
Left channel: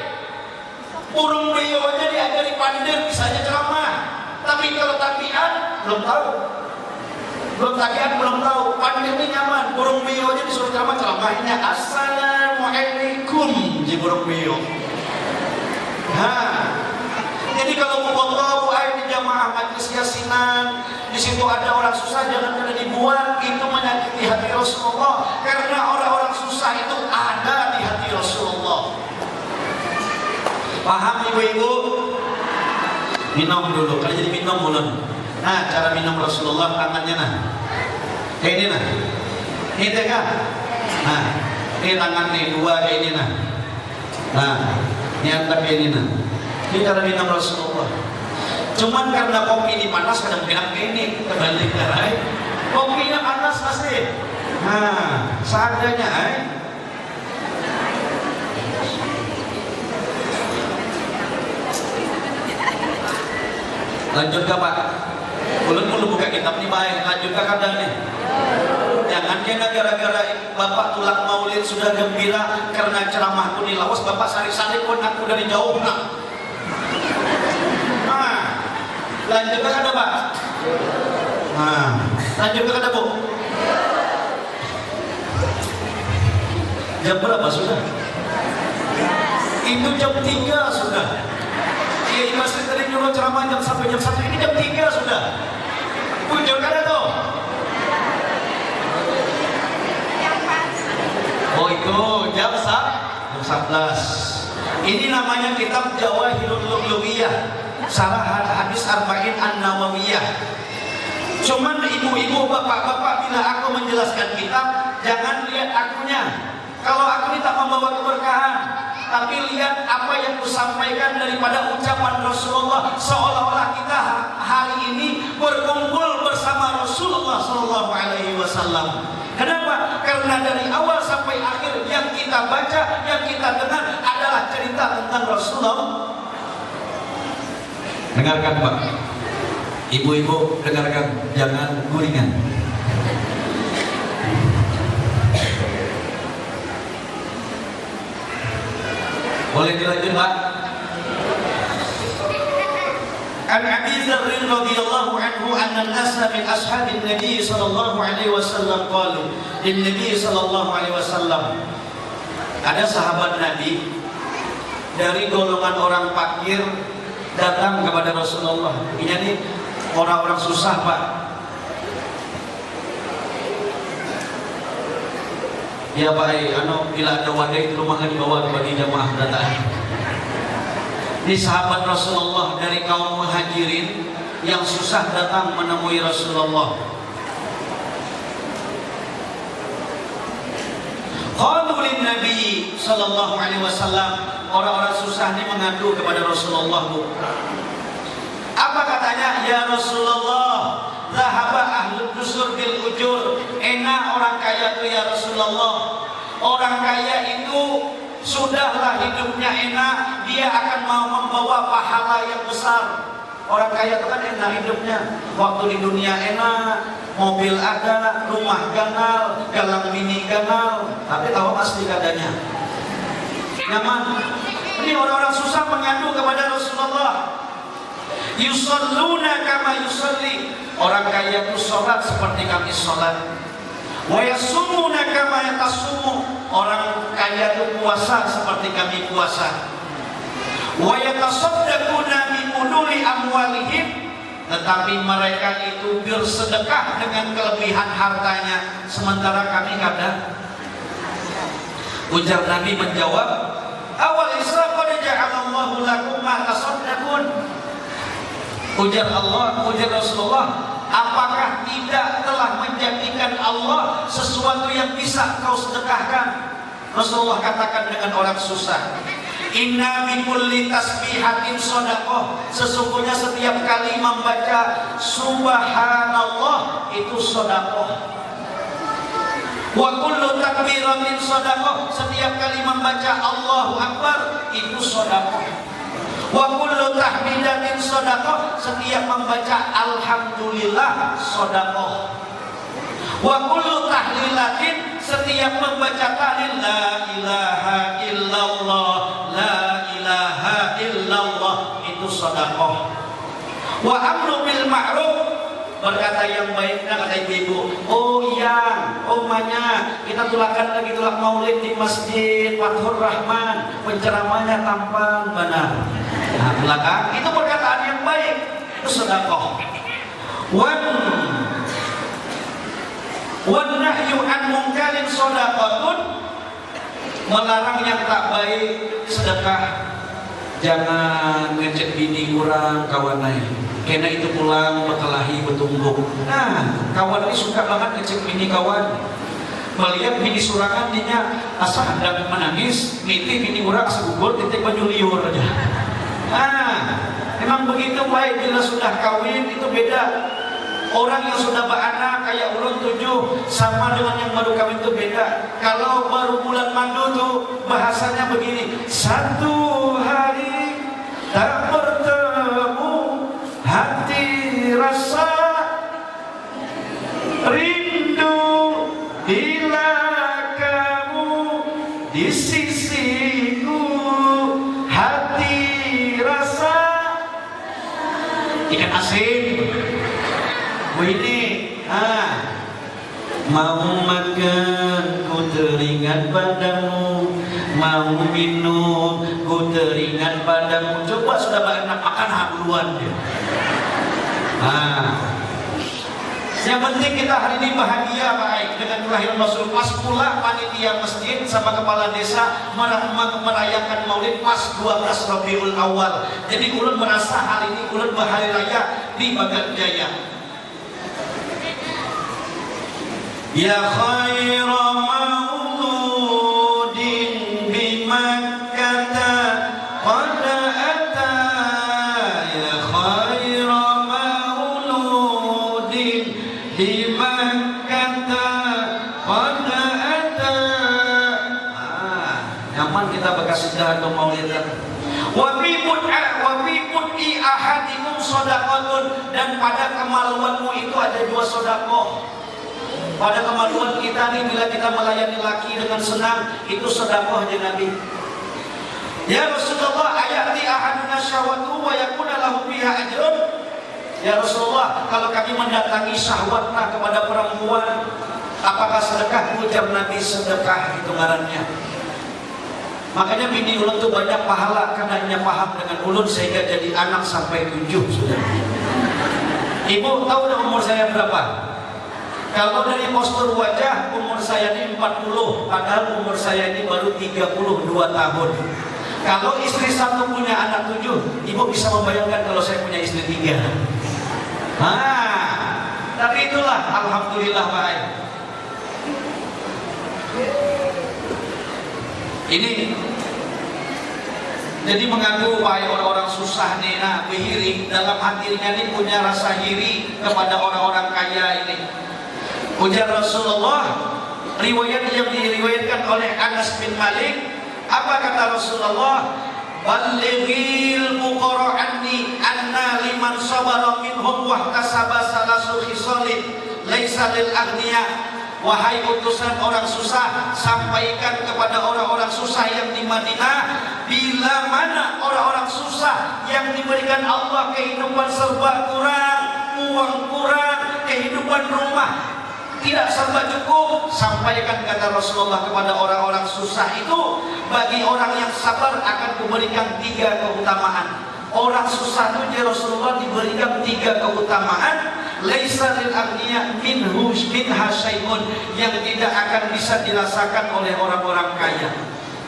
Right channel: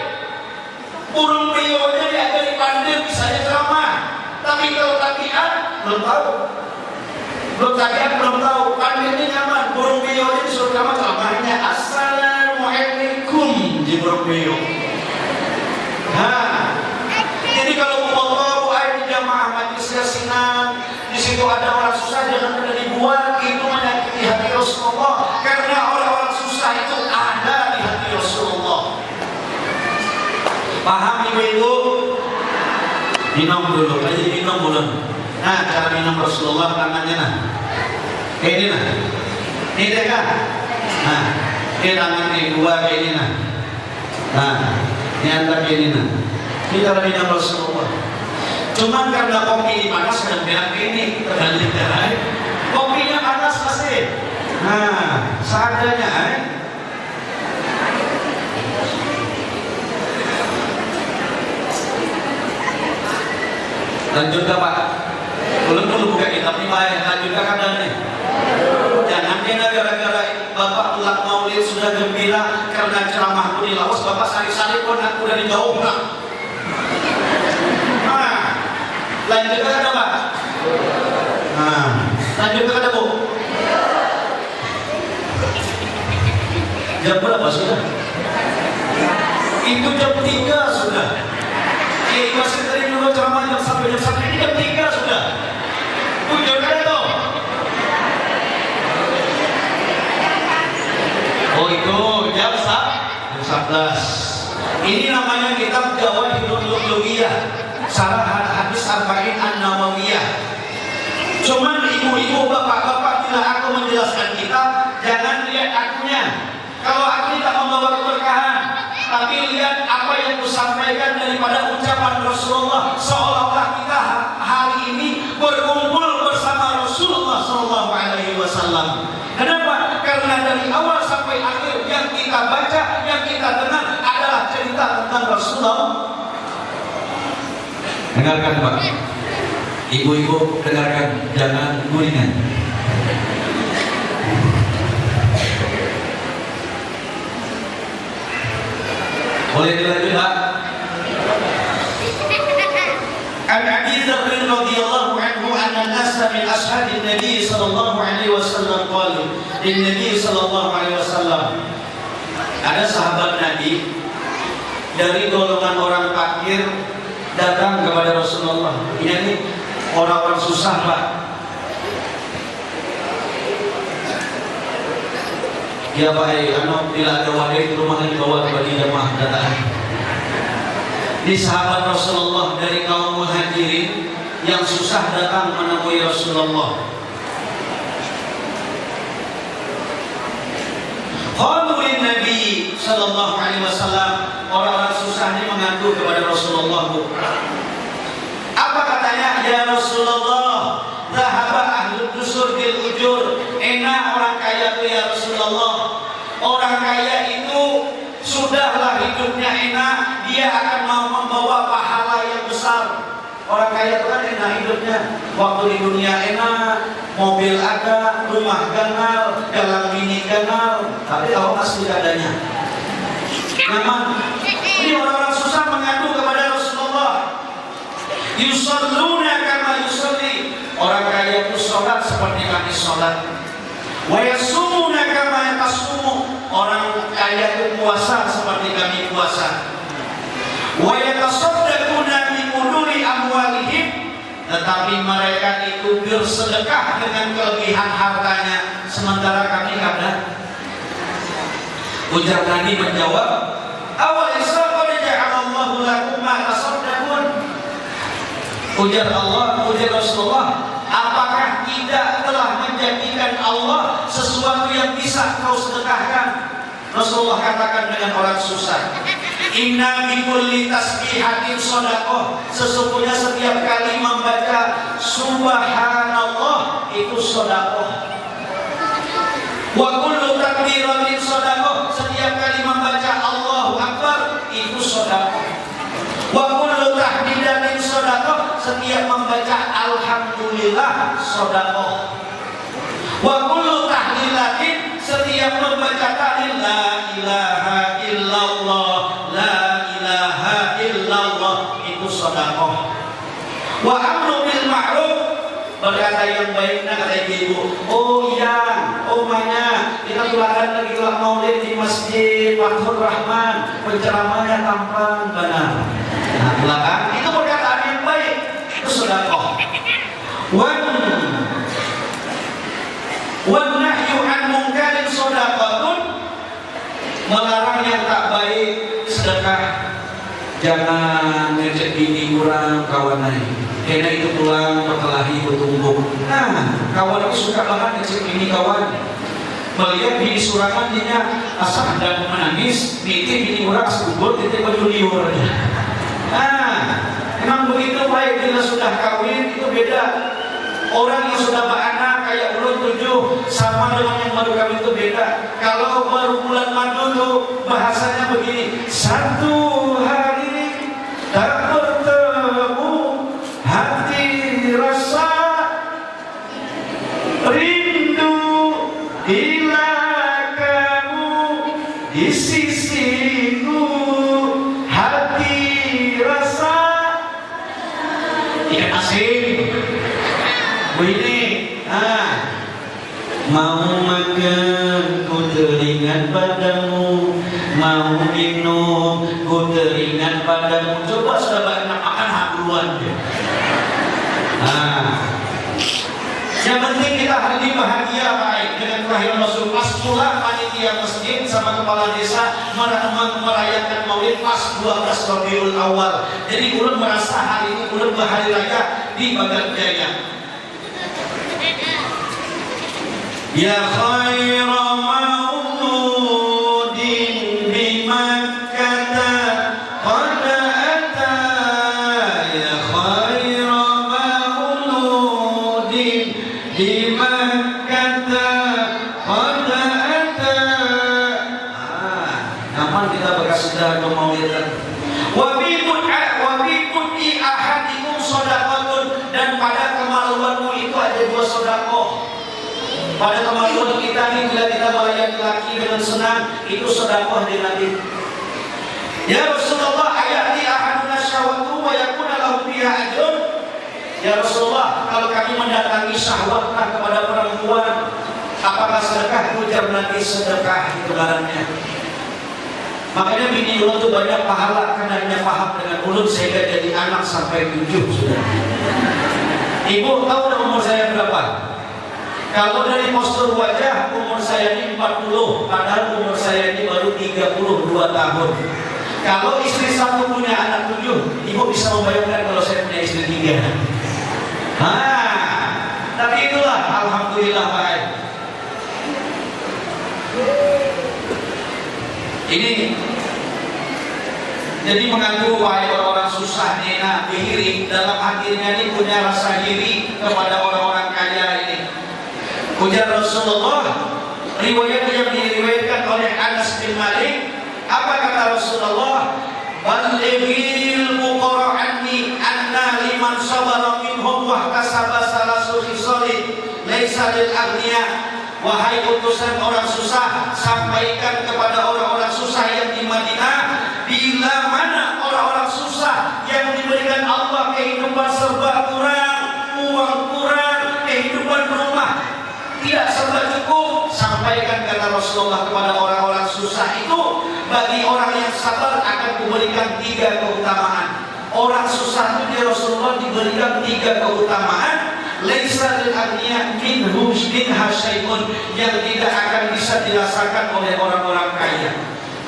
Burung beo aja diajari pandir bisa ceramah. Tapi kalau tabiat belum tahu. Pandir ini nyaman. Burung beo aja disuruh ceramahnya Assalamualaikum di burung beo. Nah, jadi kalau mau foto di jamaah majlis yasinan, di situ ada orang susah jangan pernah dibuat, itu menyakiti hati Rasulullah. Karena orang-orang susah itu ada di hati Rasulullah. Paham ibu-ibu? Minum dulu, aja minum dulu. Nah, cara minum Rasulullah tangannya kayak ini Ini deh kan? Nah, ini tangan ini 2 kayak ini Nah, ini antar kayak ini Ini cara minum Rasulullah. Cuman karena kopi panas kadang bilang gini, terbalik kopinya panas masih. Nah, seadanya Lanjut ke Pak. Belum buka kitab nih Pak. Lanjut ke kadang nih. Jangan kena gara-gara Bapak tulang maulid sudah gembira karena ceramahku di Laos, Bapak sari-sari pun aku dari jauh Pak. Lanjut ke ada Pak. Lanjut ke ada Bu. Jam berapa sudah? Itu jam 3 sudah. Masih tadi dulu ceramah jam 1 ini jam 3 sudah. Udah ada tuh. Oh itu jam 11. Ini namanya kitab Jawahirul Lughiyah, Syarah Hadis Arba'in An-Nawawiyah. Cuman ibu-ibu, bapak-bapak, bila aku menjelaskan kitab, jangan lihat akunya. Kalau aku tak membawa keberkahan, tapi lihat apa yang kusampaikan daripada ucapan Rasulullah, seolah-olah kita hari ini berkumpul bersama Rasulullah Sallallahu Alaihi Wasallam. Kenapa? Karena dari awal sampai akhir yang kita baca, yang kita dengar adalah cerita tentang Rasulullah. Dengarkan Pak, ibu-ibu dengarkan, jangan gulingan. Boleh dilanjut Pak? An Abi Dzar radhiyallahu anhu anna an-nasa min ashabin Nabi sallallahu alaihi wasallam qalu lin Nabi sallallahu alaihi wasallam. Ada sahabat Nabi dari golongan orang fakir datang kepada Rasulullah. Ini orang-orang susah Pak. Ya baik, bila ada wadah di rumah di bawah kepada jamaah datang. Di sahabat Rasulullah dari kaum muhajirin yang susah datang menemui Rasulullah. Qalu lin Nabi sallallahu alaihi wasallam, orang-orang susah ini mengadu kepada Rasulullah. Apa katanya? Ya Rasulullah, zahaba ahlul dusur bil ujur. Enak orang kaya itu ya Rasulullah. Orang kaya itu sudahlah hidupnya enak, dia akan mau membawa pahala yang besar. Orang kaya itu kan enak hidupnya, waktu di dunia enak, mobil ada, rumah ganal, galang bini ganal, tapi kalau masih adanya nyaman. Ini orang-orang susah mengadu kepada Rasulullah. Yusalluna kama yusalli, orang kaya itu sholat seperti kami sholat. Wa yasumuna kama yatasumu, orang kaya itu puasa seperti kami puasa. Wa yatasaddaquna bi muduri amwalihim, tetapi mereka itu bersedekah dengan kelebihan hartanya, sementara kami ada. Ujar Nabi menjawab, awal Islam qad ja'alallahu lakum ma tasaddaqun. Ujar Allah, ujar Rasulullah, apakah tidak telah menjadikan Allah sesuatu yang bisa kau sedekahkan? Rasulullah katakan dengan orang susah, inna bi kulli tasbihatin shadaqah, sesungguhnya setiap kali membaca subhanallah itu shadaqah. Wa kullu takbiratin shadaqah, setiap kali membaca Allahu Akbar itu shadaqah. Wa kullu tahmidatin shadaqah, setiap membaca alhamdulillah shadaqah. Wa kullu tahlilatin, setiap membaca tahlil la ilaha illallah, la ilaha illallah itu shadaqah. Wa amru bil ma'ruf, berkata yang baik, kata ibu, oh yang, oh manya, kita tulakan lagi ulang maulid di masjid Fathur Rahman, penceramahnya tampan benar. Nah, tulakan itu perkataan yang baik, itu sedekah. Wan nahyu an munkarin shadaqatun, melarang yang tak baik sedekah. Jangan ngejek bini kurang kawan lain, karena itu pulang berkelahi bertumbuk. Nah, kawan itu suka banget ngejek bini kawan. Melihat bini surangan dia asal ada menangis, miti bini kurang segugur, titik penyuliur aja. Nah, memang begitu baik. Bila sudah kawin itu beda. Orang yang sudah beranak kayak ulun 7 sama dengan yang baru kawin itu beda. Kalau baru bulan madu tuh bahasanya begini, satu hari tak bertemu hati rasa rindu bila kamu di sisiku, hati rasa ikan asin. Ini, mau makan ku teringat padamu, mau minum ku teringat padamu. Coba sudah banyak makan haluan. Yang penting kita hari ini bahagia baik dengan terakhir masuk pas pula panitia masjid sama kepala desa merayakan Maulid pas 12 Rabiul Awal. Jadi ulun merasa hari ini ulun berhari raya di Bagat Jaya. Ya khaira mauludin bi Makkah qad ata, ya khaira mauludin bi Makkah qad ata. Kapan kita berkasidah untuk maulidan? Wa bi mud'i ahadikum shadaqatun, dan pada kemaluanmu itu ada 2 sedekah. Pada kemaluan kita nih, bila kita melayani laki dengan senang, itu sedekah di Nabi. Ya Rasulullah, ayati ahaduna syahwatu wa yakuna lahu biha ajrun. Ya Rasulullah, kalau kami mendatangi syahwatnya kepada perempuan, apakah sedekah? Ujar Nabi, sedekah itu barangnya. Makanya bini ulun itu banyak pahala karena dia paham dengan ulun sehingga jadi anak sampai 7 sudah. Ibu tahu umur saya berapa? Kalau dari postur wajah, umur saya ini 40, padahal umur saya ini baru 32 tahun. Kalau istri satu punya anak 7, ibu bisa membayangkan kalau saya punya istri 3. Tapi itulah, alhamdulillah baik. Ini jadi mengaku wahai orang-orang susah nena bihiri, dalam hatinya ini punya rasa iri kepada orang-orang kaya ini. Ujar Rasulullah, riwayat yang diriwayatkan oleh Anas bin Malik, apa kata Rasulullah? Ballighil fuqara anni anna liman sabara minhum wa kasaba salasu khisalin laisa lil aghniya. Wahai utusan orang susah, sampaikan kepada orang-orang susah yang di Madinah, bila mana orang-orang susah yang diberikan Allah kehidupan serba kurang, uang kurang, kehidupan rumah tidak serba cukup, sampaikan kata Rasulullah kepada orang-orang susah itu, bagi orang yang sabar akan diberikan 3 keutamaan. Orang susah itu Rasulullah diberikan 3 keutamaan. Laisa lil aghniya minhu syai'un, yang tidak akan bisa dirasakan oleh orang-orang kaya.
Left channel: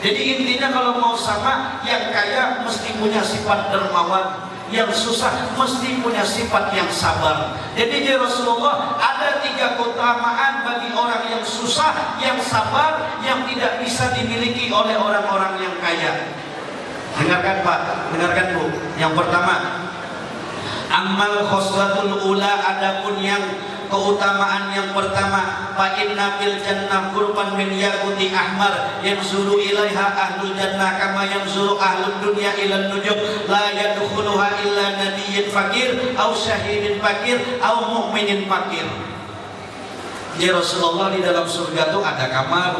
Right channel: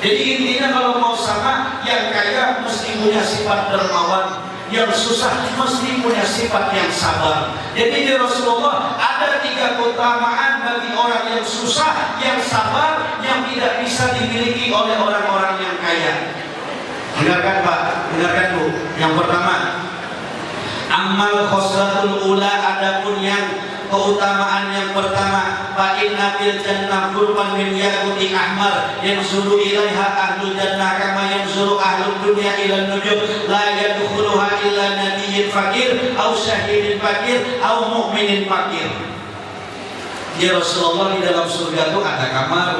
Jadi intinya kalau mau sama, yang kaya mesti punya sifat dermawan, yang susah mesti punya sifat yang sabar. Jadi di Rasulullah ada 3 keutamaan bagi orang yang susah, yang sabar, yang tidak bisa dimiliki oleh orang-orang yang kaya. Dengarkan Pak, dengarkan Bu. Yang pertama, amal khoslatul ula, adapun yang keutamaan yang pertama, fa inna fil jannah qurban min yaquti ahmar yanzuru ilaiha ahlul jannah kama yanzuru ahlud dunya ila nujum la yadkhuluha illa nabiyyun fakir aw syahidin fakir aw mu'minin fakir. Ya Rasulullah, di dalam surga itu ada kamar.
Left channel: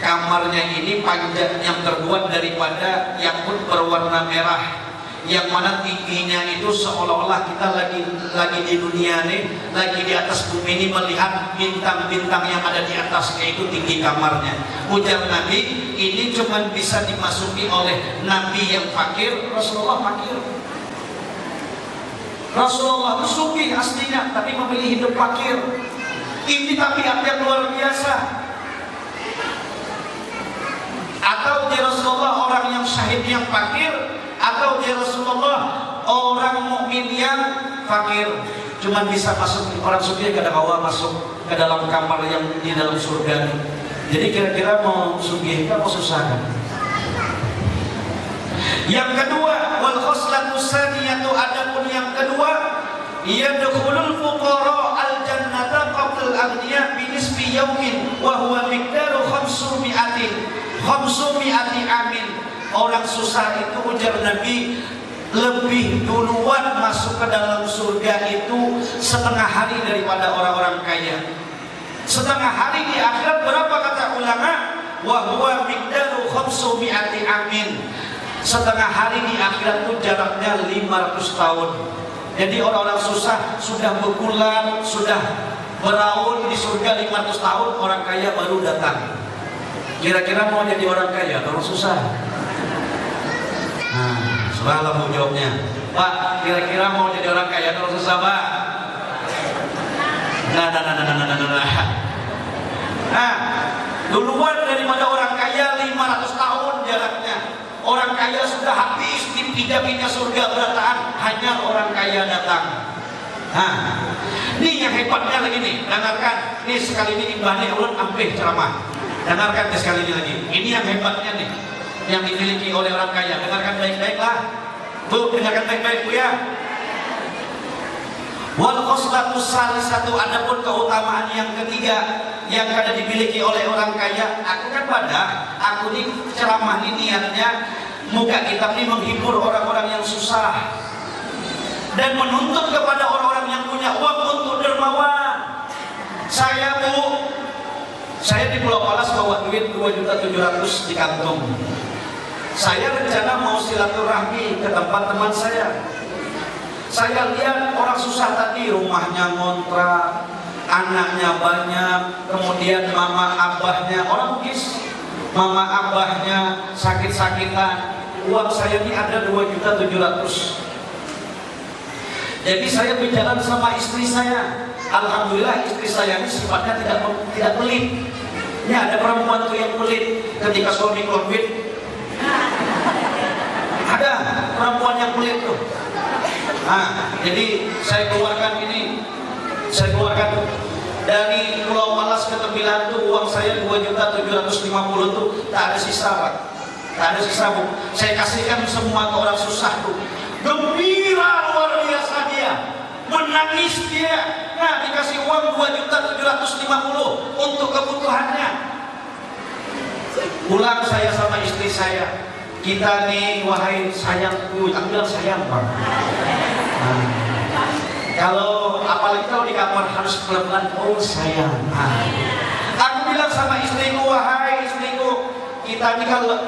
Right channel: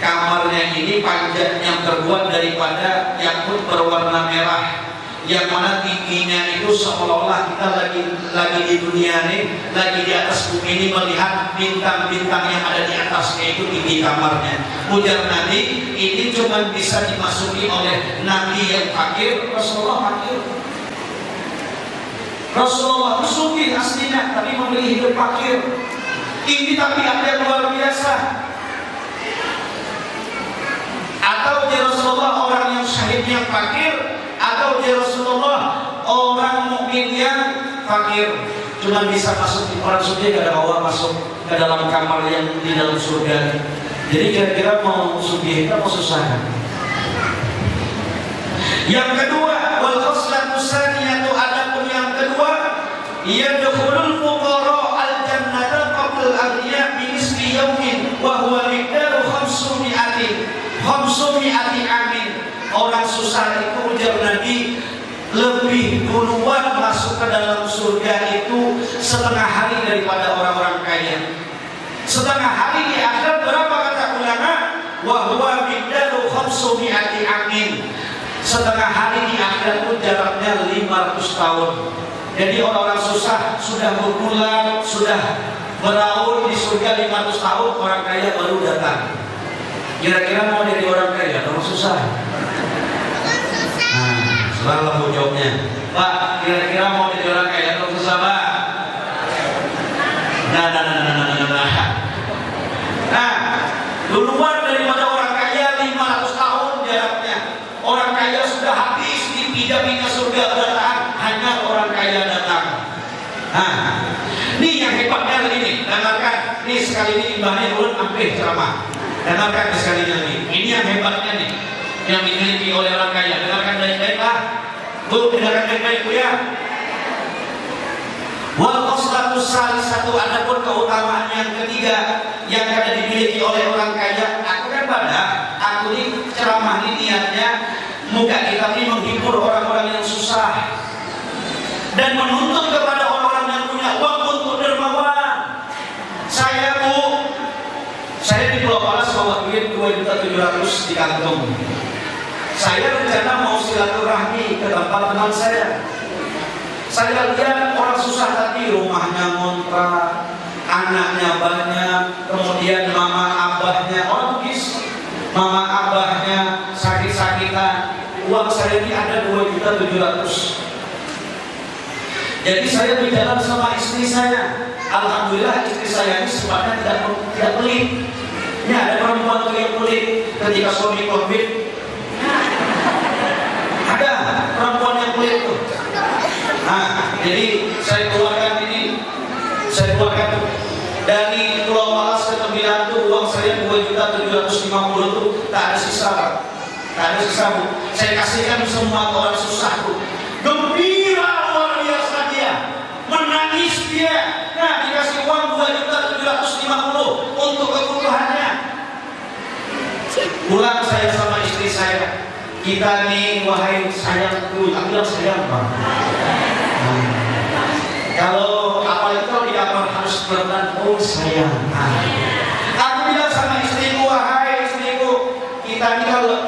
Kamarnya ini panjang yang terbuat daripada yakut berwarna merah, yang mana tingginya itu seolah-olah kita lagi di dunia ini, lagi di atas bumi ini melihat bintang-bintang yang ada di atasnya, itu tinggi kamarnya. Ujar Nabi, ini cuma bisa dimasuki oleh Nabi yang fakir. Rasulullah fakir. Rasulullah itu sugih aslinya, tapi memilih hidup fakir. Ini tapi ada luar biasa. Atau ya Rasulullah orang yang syahid yang fakir, atau ya Rasulullah orang mukmin yang fakir. Cuma bisa masuk, orang suci gak ada bawa masuk ke dalam kamar yang di dalam surga. Jadi kira-kira mau suci atau mau susah? Yang kedua, wal khoslatu tsaniyatu, adapun yang kedua, yadkhulul fuqara al jannata qabla al aghniya bi nisfi yawmin wa huwa miqdaru 500 amin. Orang susah itu, ujar Nabi, lebih duluan masuk ke dalam surga itu setengah hari daripada orang-orang kaya. Setengah hari di akhirat berapa kata ulama? Wa huwa miqdaru 500 amin. Setengah hari di akhirat itu jaraknya 500 tahun. Jadi orang-orang susah sudah berbulan, sudah beraul di surga 500 tahun, orang kaya baru datang. Kira-kira mau jadi orang kaya atau susah? Nah, salah bu jawabnya. Pak, kira-kira mau jadi orang kaya atau susah Pak? Nah. dijaminnya surga datang, hanya orang kaya datang. Nah, ini yang hebatnya lagi nih, dengarkan. Ini sekali ini imbahnya ulun sampai ceramah. Dengarkan sekali lagi. Ini yang hebatnya nih, yang dimiliki oleh orang kaya. Dengarkan baik-baik lah. Bu, dengarkan baik-baik Bu ya. Wal khoslatus satu, adapun keutamaan yang ketiga yang ada dimiliki oleh orang kaya. Aku kan aku ini ceramah ini niatnya muka kita ini menghibur orang-orang yang susah dan menuntut kepada orang-orang yang punya uang untuk dermawan. Saya Bu, saya di Pulau Palas bawa duit 2.700.000 di kantong. Saya rencana mau silaturahmi ke tempat teman saya. Saya lihat orang susah tadi, rumahnya ngontrak, anaknya banyak, kemudian mama abahnya orang bis, mama abahnya sakit-sakitan. Uang saya ini ada 2.700.000. Jadi saya berjalan sama istri saya. Alhamdulillah istri saya ini sifatnya tidak pelit. Ini ada perempuan tuh yang pelit ketika suami COVID. Ada perempuan yang pelit tuh. Nah, jadi saya keluarkan dari Pulau Malas ke Tembilan tuh uang saya 2.750.000 tuh tak ada sisa Pak. Tak ada sisa Bu. Saya kasihkan semua ke orang susah Bu. Gembira luar biasa dia, menangis dia. Nah, dikasih uang 2.750.000 untuk kebutuhannya. Pulang saya sama istri saya. Kita nih, wahai sayangku, tak bilang sayang Pak. Kalau apalagi kalau di kamar harus pelan-pelan, oh sayang. Aku bilang sama istriku, wahai istriku, kita ini kalau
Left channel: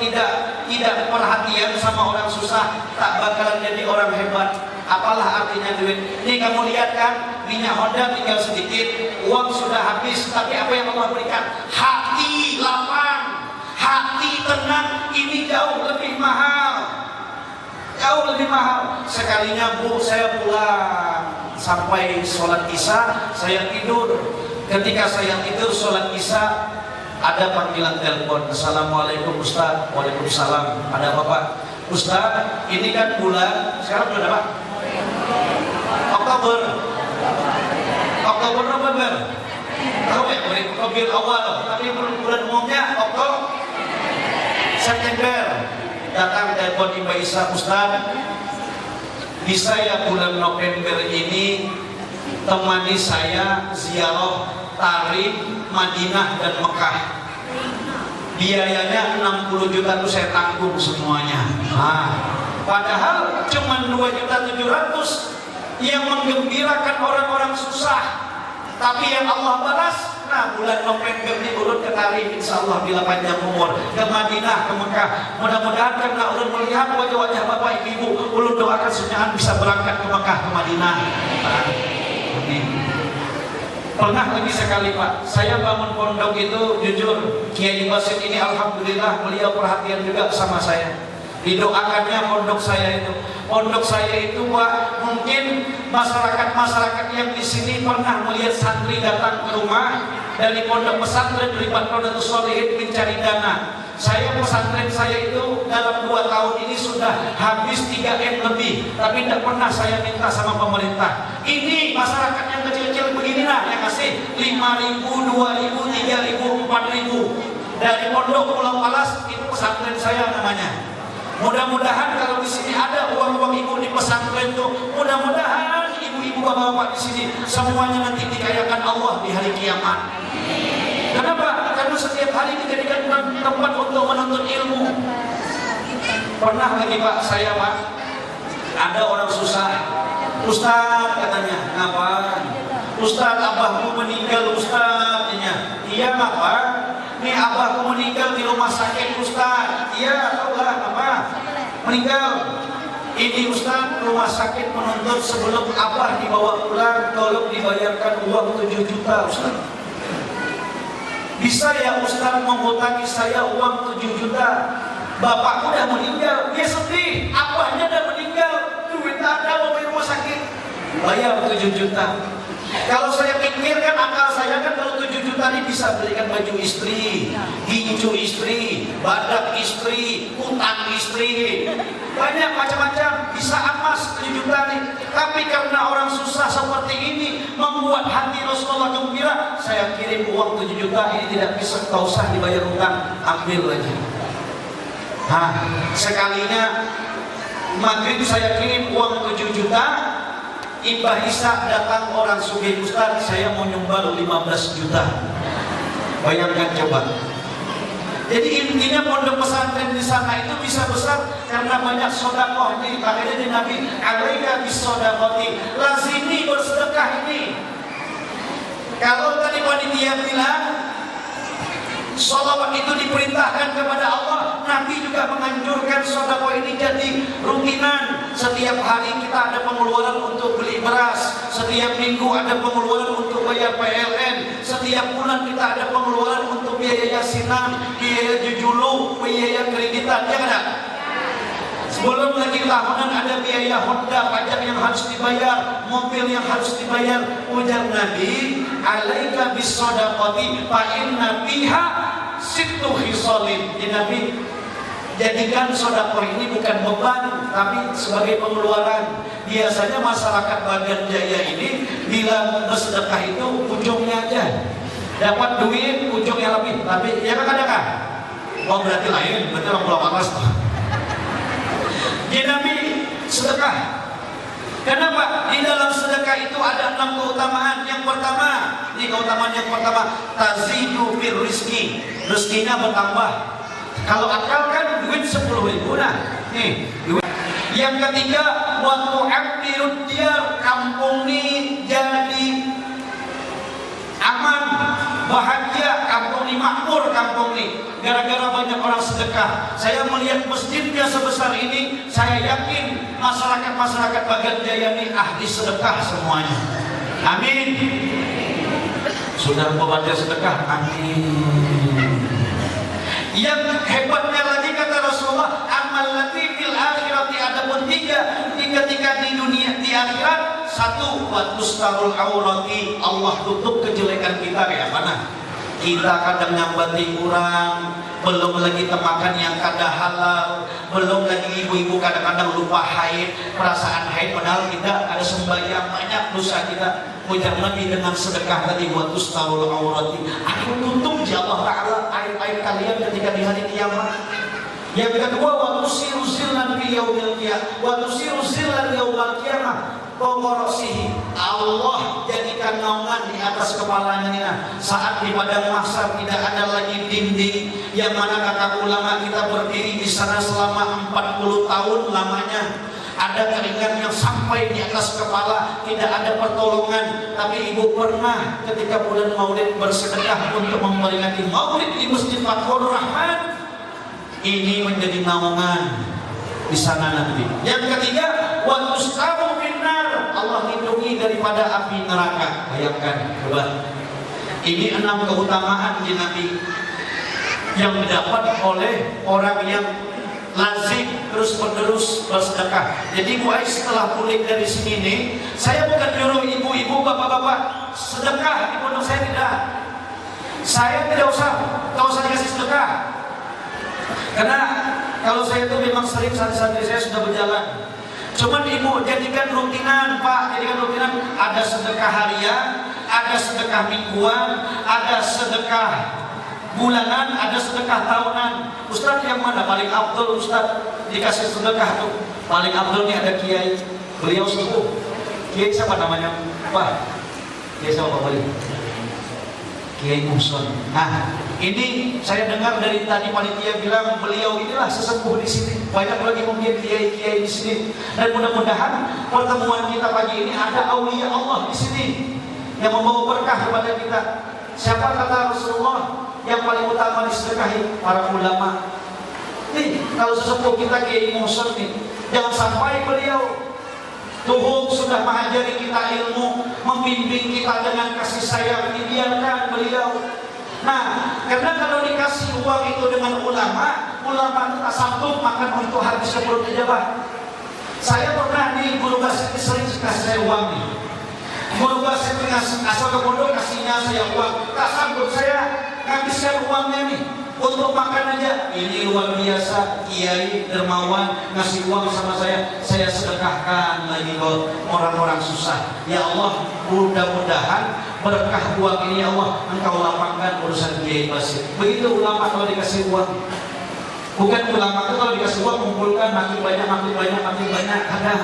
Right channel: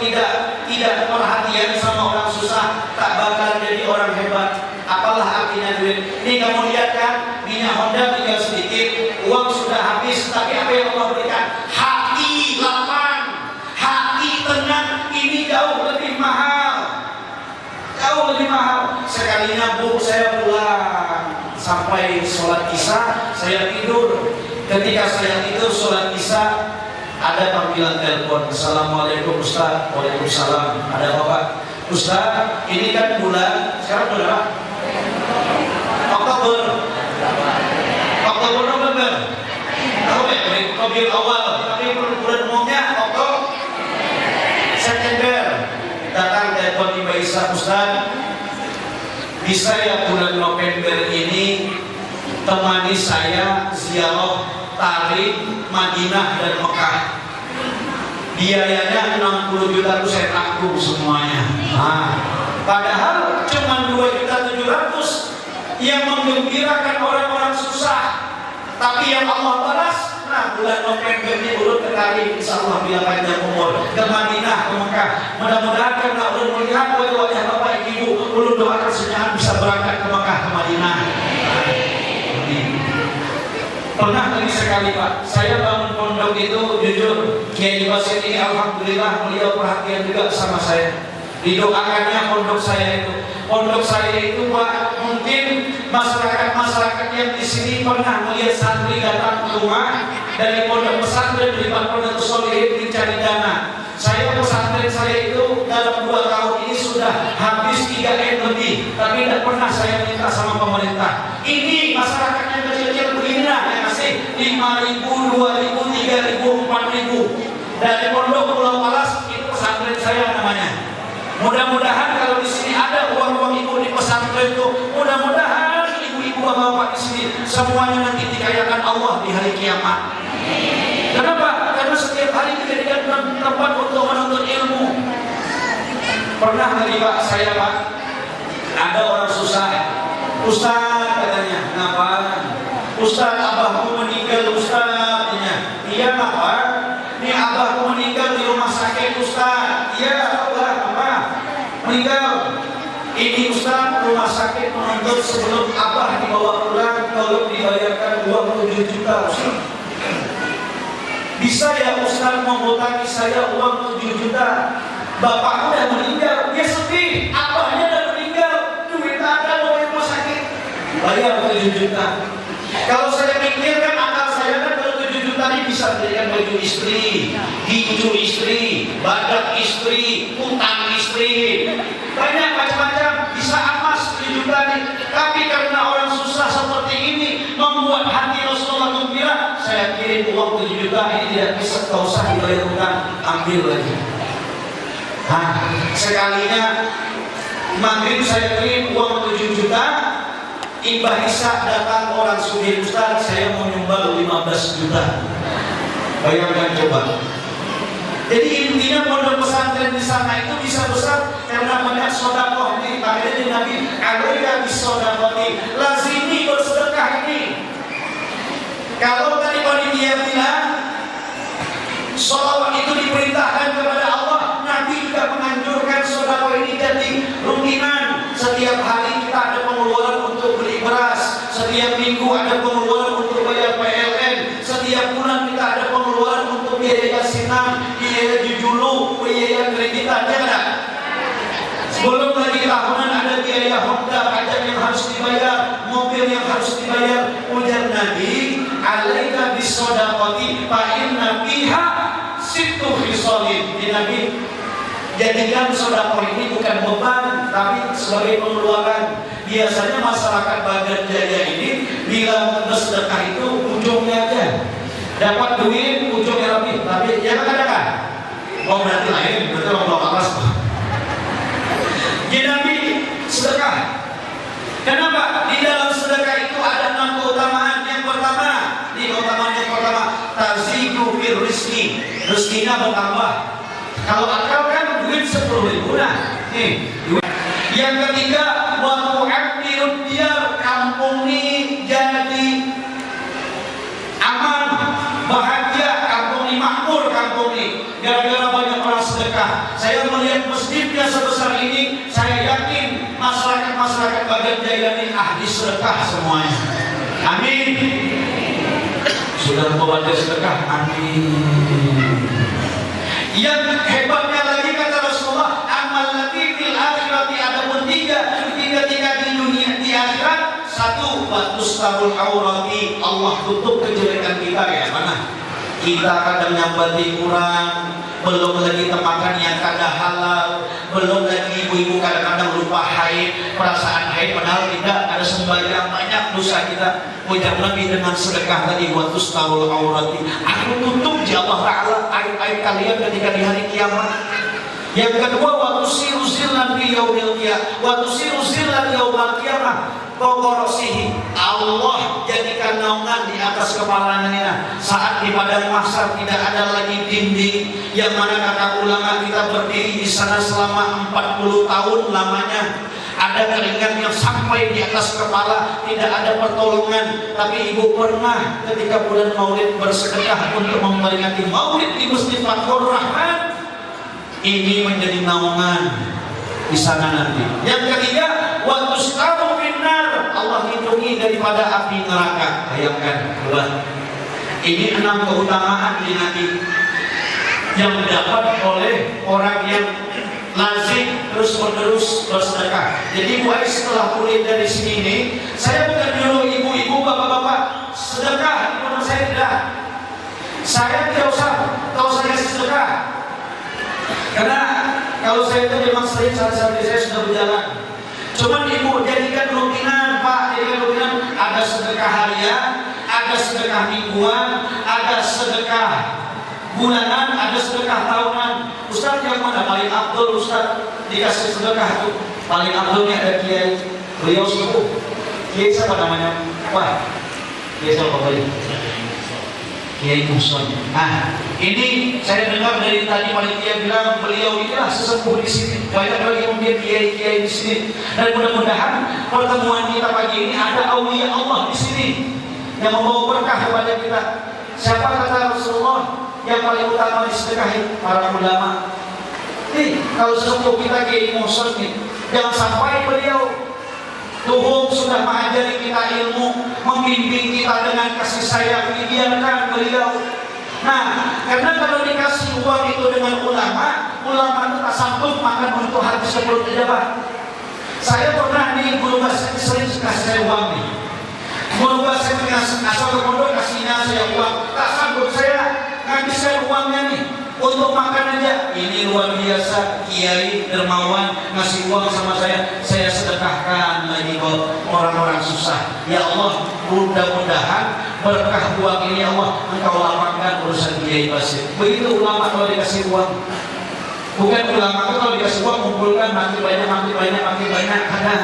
tidak perhatian sama orang susah, tak bakal jadi orang hebat. Apalah artinya duit? Ini kamu lihat kan, minyak Honda tinggal sedikit, uang sudah habis, tapi apa yang Allah berikan? Hati lapang, hati tenang. Ini jauh lebih mahal. Jauh lebih mahal. Sekalinya Bu, saya pulang sampai sholat isya, saya tidur. Ketika saya tidur sholat isya, ada panggilan telepon. Assalamualaikum Ustaz. Waalaikumsalam. Ada apa Pak? Ustaz, ini kan bulan sekarang berapa? Oktober November. Tahu ya? Oktober awal. Tapi bulan umumnya Oktober September. Datang telepon di Mbak Isa, Ustaz, bisa ya bulan November ini temani saya ziarah tarik Madinah dan Mekah. Biayanya 60 juta itu saya tanggung semuanya. Padahal cuma 2.700.000 yang menggembirakan orang-orang susah. Tapi yang Allah balas, nah bulan November ini urut ke Tarim, insya Allah bila panjang umur, ke Madinah, ke Mekah. Mudah-mudahan karena ulun melihat wajah Bapak Ibu, ulun doakan senyahan bisa berangkat ke Mekah, ke Madinah. Pernah lagi sekali Pak, saya bangun pondok itu jujur, Kiai Basit ini alhamdulillah beliau perhatian juga sama saya. Didoakannya pondok saya itu Pak, mungkin masyarakat yang di sini pernah melihat santri datang ke rumah dari pondok pesantren di Pondok Sholihin mencari dana. Pesantren saya itu dalam 2 tahun ini sudah habis 3 M lebih, tapi tidak pernah saya minta sama pemerintah. Ini masyarakat yang kecil-kecil begini lah yang ngasih 5.000, 2.000, 3.000, 4.000 dari pondok Pulau Palas. Itu pesantren saya namanya. Mudah-mudahan kalau di sini ada uang-uang ibu di pesantren itu, mudah-mudahan ibu-ibu bapak-bapak di sini semuanya nanti dikayakan Allah di hari kiamat. Kenapa? Karena setiap hari kita dijadikan tempat untuk menuntut ilmu. Pernah lagi Pak, saya Pak, ada orang susah. Ustaz katanya, kenapa? Ustaz, abahku meninggal Ustaz. Iya apa? Ini abahku meninggal di rumah sakit Ustaz. Iya Allah, apa? Meninggal. Ini Ustaz, rumah sakit menuntut sebelum abah dibawa pulang tolong dibayarkan uang 7 juta Ustaz. Bisa ya Ustaz menghutangi saya uang 7 juta? Bapakku udah meninggal, dia sedih. Abahnya udah meninggal, duit tak ada mau rumah sakit. Bayar 7 juta. Kalau saya pikirkan akal saya kan kalau 7 juta ini bisa belikan baju istri, hijau istri, badak istri, utang istri. banyak macam-macam, bisa emas 7 juta nih. Tapi karena orang susah seperti ini membuat hati Rasulullah gembira, saya kirim uang 7 juta ini tidak bisa, tak usah dibayar utang, ambil lagi. Sekalinya maghrib saya kirim uang 7 juta, Imbah Isa datang orang sugih, Ustaz saya mau nyumbang 15 juta. Bayangkan coba. Jadi intinya pondok pesantren di sana itu bisa besar karena banyak sedekah ini. Makanya di Nabi alaika bisedekati, lazimi bersedekah ini. Kalau tadi panitia bilang sholawat itu diperintahkan kepada Allah, Nabi juga menganjurkan sedekah ini jadi rutinan. Setiap hari kita ada pengeluaran untuk beli beras, setiap minggu ada pengeluaran untuk bayar PLN, setiap bulan kita ada pengeluaran untuk biaya yasinan, biaya jujulu, biaya kreditan, ya kan? Sebelum lagi tahunan ada biaya Honda, pajak yang harus dibayar, mobil yang harus dibayar. Ujar Nabi, alaika bisedekati fa inna fiha sittu khisalin. Nabi, jadikan sedekah ini bukan beban, tapi sebagai pengeluaran. Biasanya masyarakat Bagan Jaya ini bila bersedekah itu ujungnya aja dapat duit, ujungnya lebih. Tapi ya kadang-kadang, oh berarti lain, berarti orang bawa atas. Jadi Nabi sedekah. Kenapa? Di dalam sedekah itu ada 6 keutamaan. Yang pertama, di keutamaan yang pertama, tazidu fir rizki, rezekinya bertambah. Kalau akal kan duit 10.000 nah. Nih, duit. Yang ketiga, wa tu'addirud diyar, kampung ini jadi aman, bahagia, kampung ini makmur, kampung ini gara-gara banyak orang sedekah. Saya melihat masjidnya sebesar ini, saya yakin masyarakat Bagan Jaya ini ahli sedekah semuanya. Amin. Sudah membaca sedekah, amin. Yang hebatnya lagi kata Rasulullah, amal lati fil akhirati, ada pun tiga di dunia, di akhirat. Satu, watustarul aurati, Allah tutup kejelekan kita. Ya mana? Kita kadang nyambati kurang, belum lagi makan yang kada halal, belum lagi ibu-ibu kadang-kadang lupa haid, perasaan haid padahal tidak, ada sembahyang, banyak dosa kita. Ujar Nabi dengan sedekah tadi, watustarul aurati, aku tutup ya Allah Ta'ala aib-aib kalian ketika di hari kiamat. Yang kedua, watusiru zillan fi yaumil qiyamah, watusiru zillan yaumil qiyamah, Pokoroksihi, Allah jadikan naungan di atas kepalanya saat di padang mahsyar tidak ada lagi dinding, yang mana kata ulama kita berdiri di sana selama 40 tahun lamanya. Ada keringat yang sampai di atas kepala, tidak ada pertolongan. Tapi ibu pernah ketika bulan Maulid bersedekah untuk memperingati Maulid di Masjid Fathur Rahman, ini menjadi naungan di sana nanti. Yang ketiga, wa tustaru finnar, Allah lindungi daripada api neraka. Bayangkan, coba. Ini 6 keutamaan di Nabi yang didapat oleh orang yang lazim terus-menerus bersedekah. Jadi mulai setelah pulih dari sini nih, saya bukan nyuruh ibu-ibu, bapak-bapak sedekah, menurut saya tidak. Saya tidak usah kasih sedekah. Karena kalau saya itu memang sering santri saya sudah berjalan. Cuman ibu jadikan rutinan, Pak, jadikan rutinan. Ada sedekah harian, ada sedekah mingguan, ada sedekah bulanan, ada sedekah tahunan. Ustaz yang mana paling afdal Ustaz dikasih sedekah itu? Paling afdalnya ada Kiai, beliau sepuh. Kiai siapa namanya? Wah, Kiai siapa Pak? Kiai Muson. Ini saya dengar dari tadi panitia bilang beliau inilah sesepuh di sini. Banyak lagi mungkin kiai-kiai di sini. Dan mudah-mudahan pertemuan kita pagi ini ada aulia Allah di sini yang membawa berkah kepada kita. Siapa kata Rasulullah yang paling utama disedekahi? Para ulama. Kalau sesepuh kita Kiai Muson nih, jangan sampai beliau Tuhum sudah mengajari kita ilmu, membimbing kita dengan kasih sayang, dibiarkan beliau. Nah, karena kalau dikasih uang itu dengan ulama itu tak sanggup makan untuk habis seperut pejabat. Saya pernah nih guru bahasa sering kasih saya uang nih. Guru bahasa asal ke pondok kasihnya saya uang, tak sanggup saya ngabiskan uangnya nih untuk makan aja. ini luar biasa, kiai dermawan ngasih uang sama saya sedekahkan lagi buat orang-orang susah. Ya Allah, mudah-mudahan berkah uang ini ya Allah Engkau lapangkan urusan Kiai Basir. Begitu ulama kalau dikasih uang. Bukan ulama itu kalau dikasih uang kumpulkan makin banyak. Ada.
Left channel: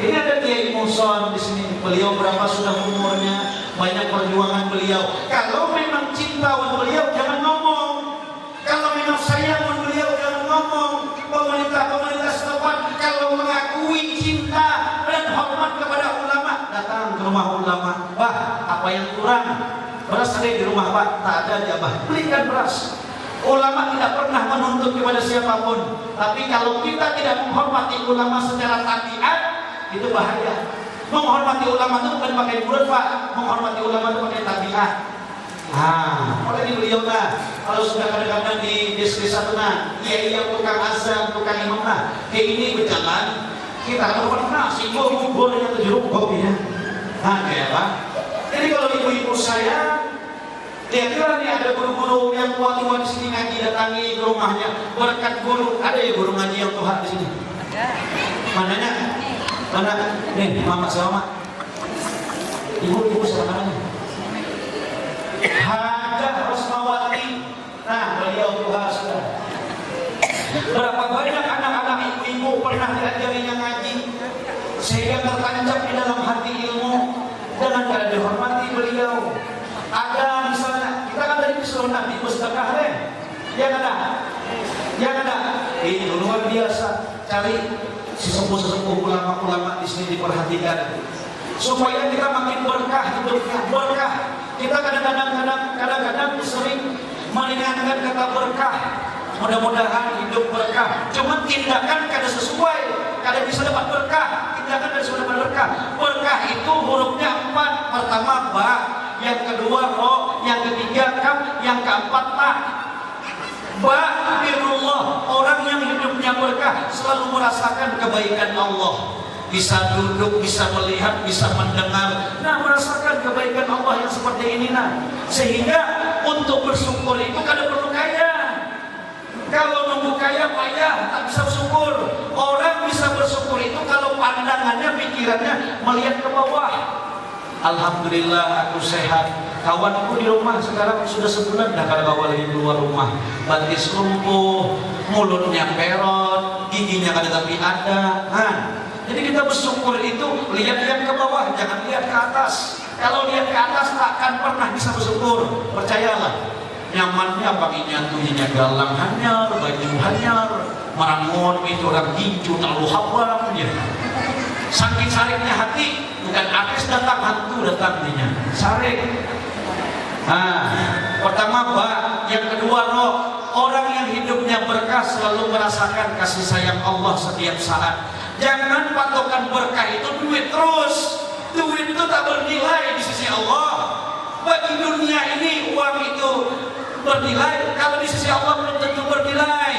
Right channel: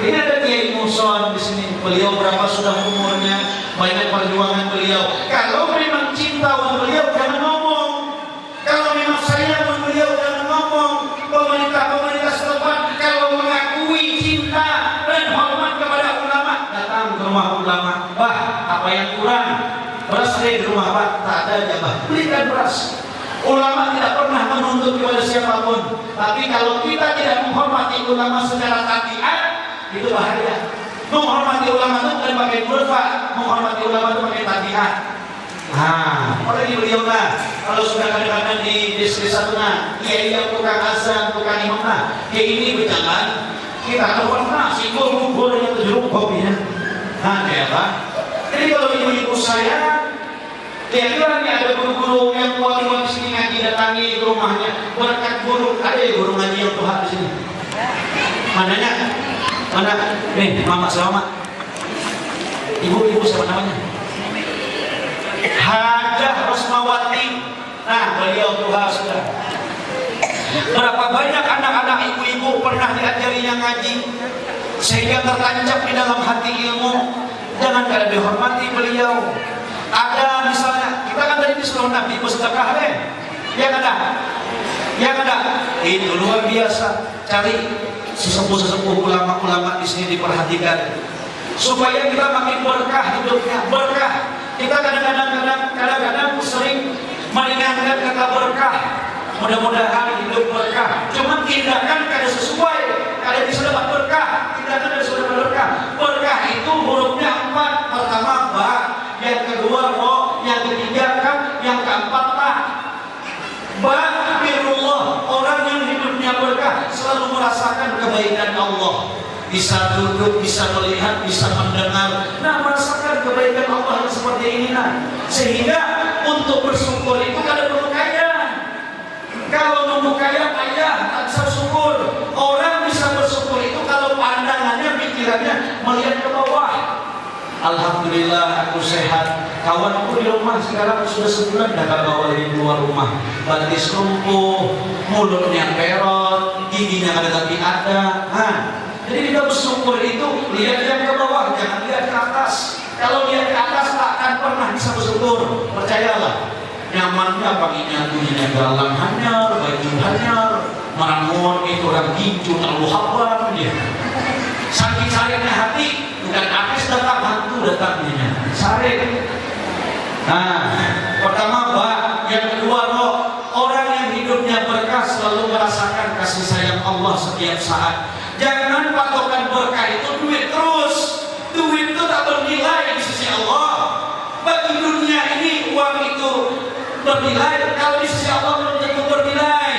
Ini ada Kiai Muson di sini. Beliau berapa sudah umurnya, banyak perjuangan beliau. Kalau memang cinta uang beliau jangan ngomong. Kalau memang sayang uang beliau jangan ngomong. Pemerintah setempat kalau mengakui cinta dan hormat kepada ulama, datang ke rumah ulama. Bah, apa yang kurang? Beras di rumah Pak, tak ada ya Bah. Belikan beras. Ulama tidak pernah menuntut kepada siapapun. Tapi kalau kita tidak menghormati ulama secara tabiat, itu bahaya. Menghormati ulama itu bukan pakai Pak. Menghormati ulama itu pakai tabiat. Oleh beliau lah. Kalau sudah kadang-kadang di desa itu kiai yang tukang azan, tukang imam ini berjalan, kita tahu pernah singgung yang terjeruk kopinya. Kayak jadi kalau ibu-ibu saya, lihatlah nih ada guru-guru yang tua-tua di sini ngaji datangi ke rumahnya, berkat guru. Ada ya guru ngaji yang Tuhan di sini. Mananya? Mana? Nih, Mama Selamat. Ibu-ibu siapa namanya? Hajah Rosmawati. Beliau Tuhan sudah. Berapa banyak anak-anak ibu-ibu pernah diajarinya ngaji sehingga tertancap di dalam hati ilmu. Jangan kada dihormati beliau. Ada misalnya, kita kan tadi disuruh Nabi bersedekah ya kada? Itu luar biasa. Cari sesepuh-sesepuh ulama-ulama di sini diperhatikan supaya kita makin berkah hidupnya. Berkah. Kita kadang-kadang sering meringankan kata berkah. Mudah-mudahan hidup berkah. Cuma tindakan kada sesuai, kada bisa dapat berkah. Tindakan kada bisa dapat berkah. Berkah itu hurufnya 4. Pertama ba, yang kedua ro, yang ketiga kam, yang keempat ta. Ba birullah, orang yang hidupnya berkah selalu merasakan kebaikan Allah. Bisa duduk, bisa melihat, bisa mendengar, merasakan kebaikan Allah yang seperti ini. Sehingga untuk bersyukur itu kada perlu kaya. Kalau nunggu kaya, tak bisa bersyukur. Orang bisa bersyukur itu kalau pandangannya, pikirannya melihat ke bawah. Alhamdulillah aku sehat. Kawanku di rumah sekarang sudah sebulan dah bawa di luar rumah. Batis lumpuh, mulutnya perot, giginya kada tapi ada. Jadi kita bersyukur itu lihat yang ke bawah, jangan lihat ke atas. Kalau lihat ke atas tak akan pernah bisa bersyukur. Percayalah. Nyamannya paginya tulinya galang hanyar, baju hanyar, marangon itu orang gincu terlalu hapram dia. Saking saringnya hati, bukan apes datang, hantu datang dia. Saring. Pertama yang kedua orang yang hidupnya berkah selalu merasakan kasih sayang Allah setiap saat. Jangan patokan berkah itu duit terus. Duit itu tak bernilai di sisi Allah. Bagi dunia ini uang itu bernilai, kalau di sisi Allah belum tentu bernilai.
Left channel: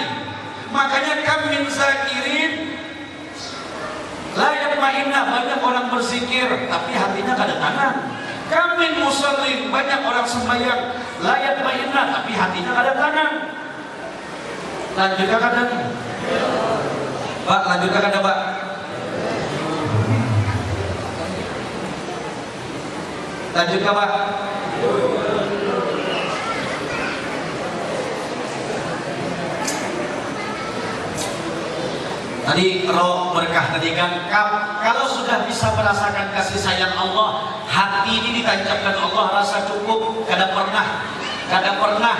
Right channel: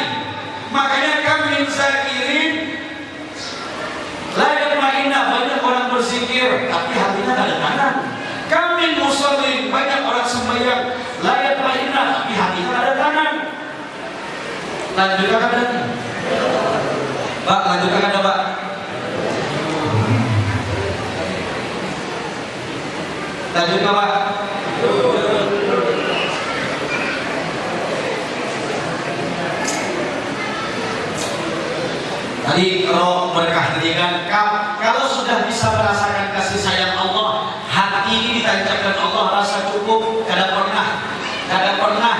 Makanya kami zakirin layak mainah, banyak orang berzikir tapi hatinya tak ada tangan. Kami muslim, banyak orang sembahyang layak mainah tapi hatinya tak ada tangan. Lanjutkan ada nih Pak, lanjutkan ada Pak. Lanjutkan Pak. Tadi kalau berkah tadi kan, kalau sudah bisa merasakan kasih sayang Allah, hati ini ditancapkan Allah rasa cukup. Kada pernah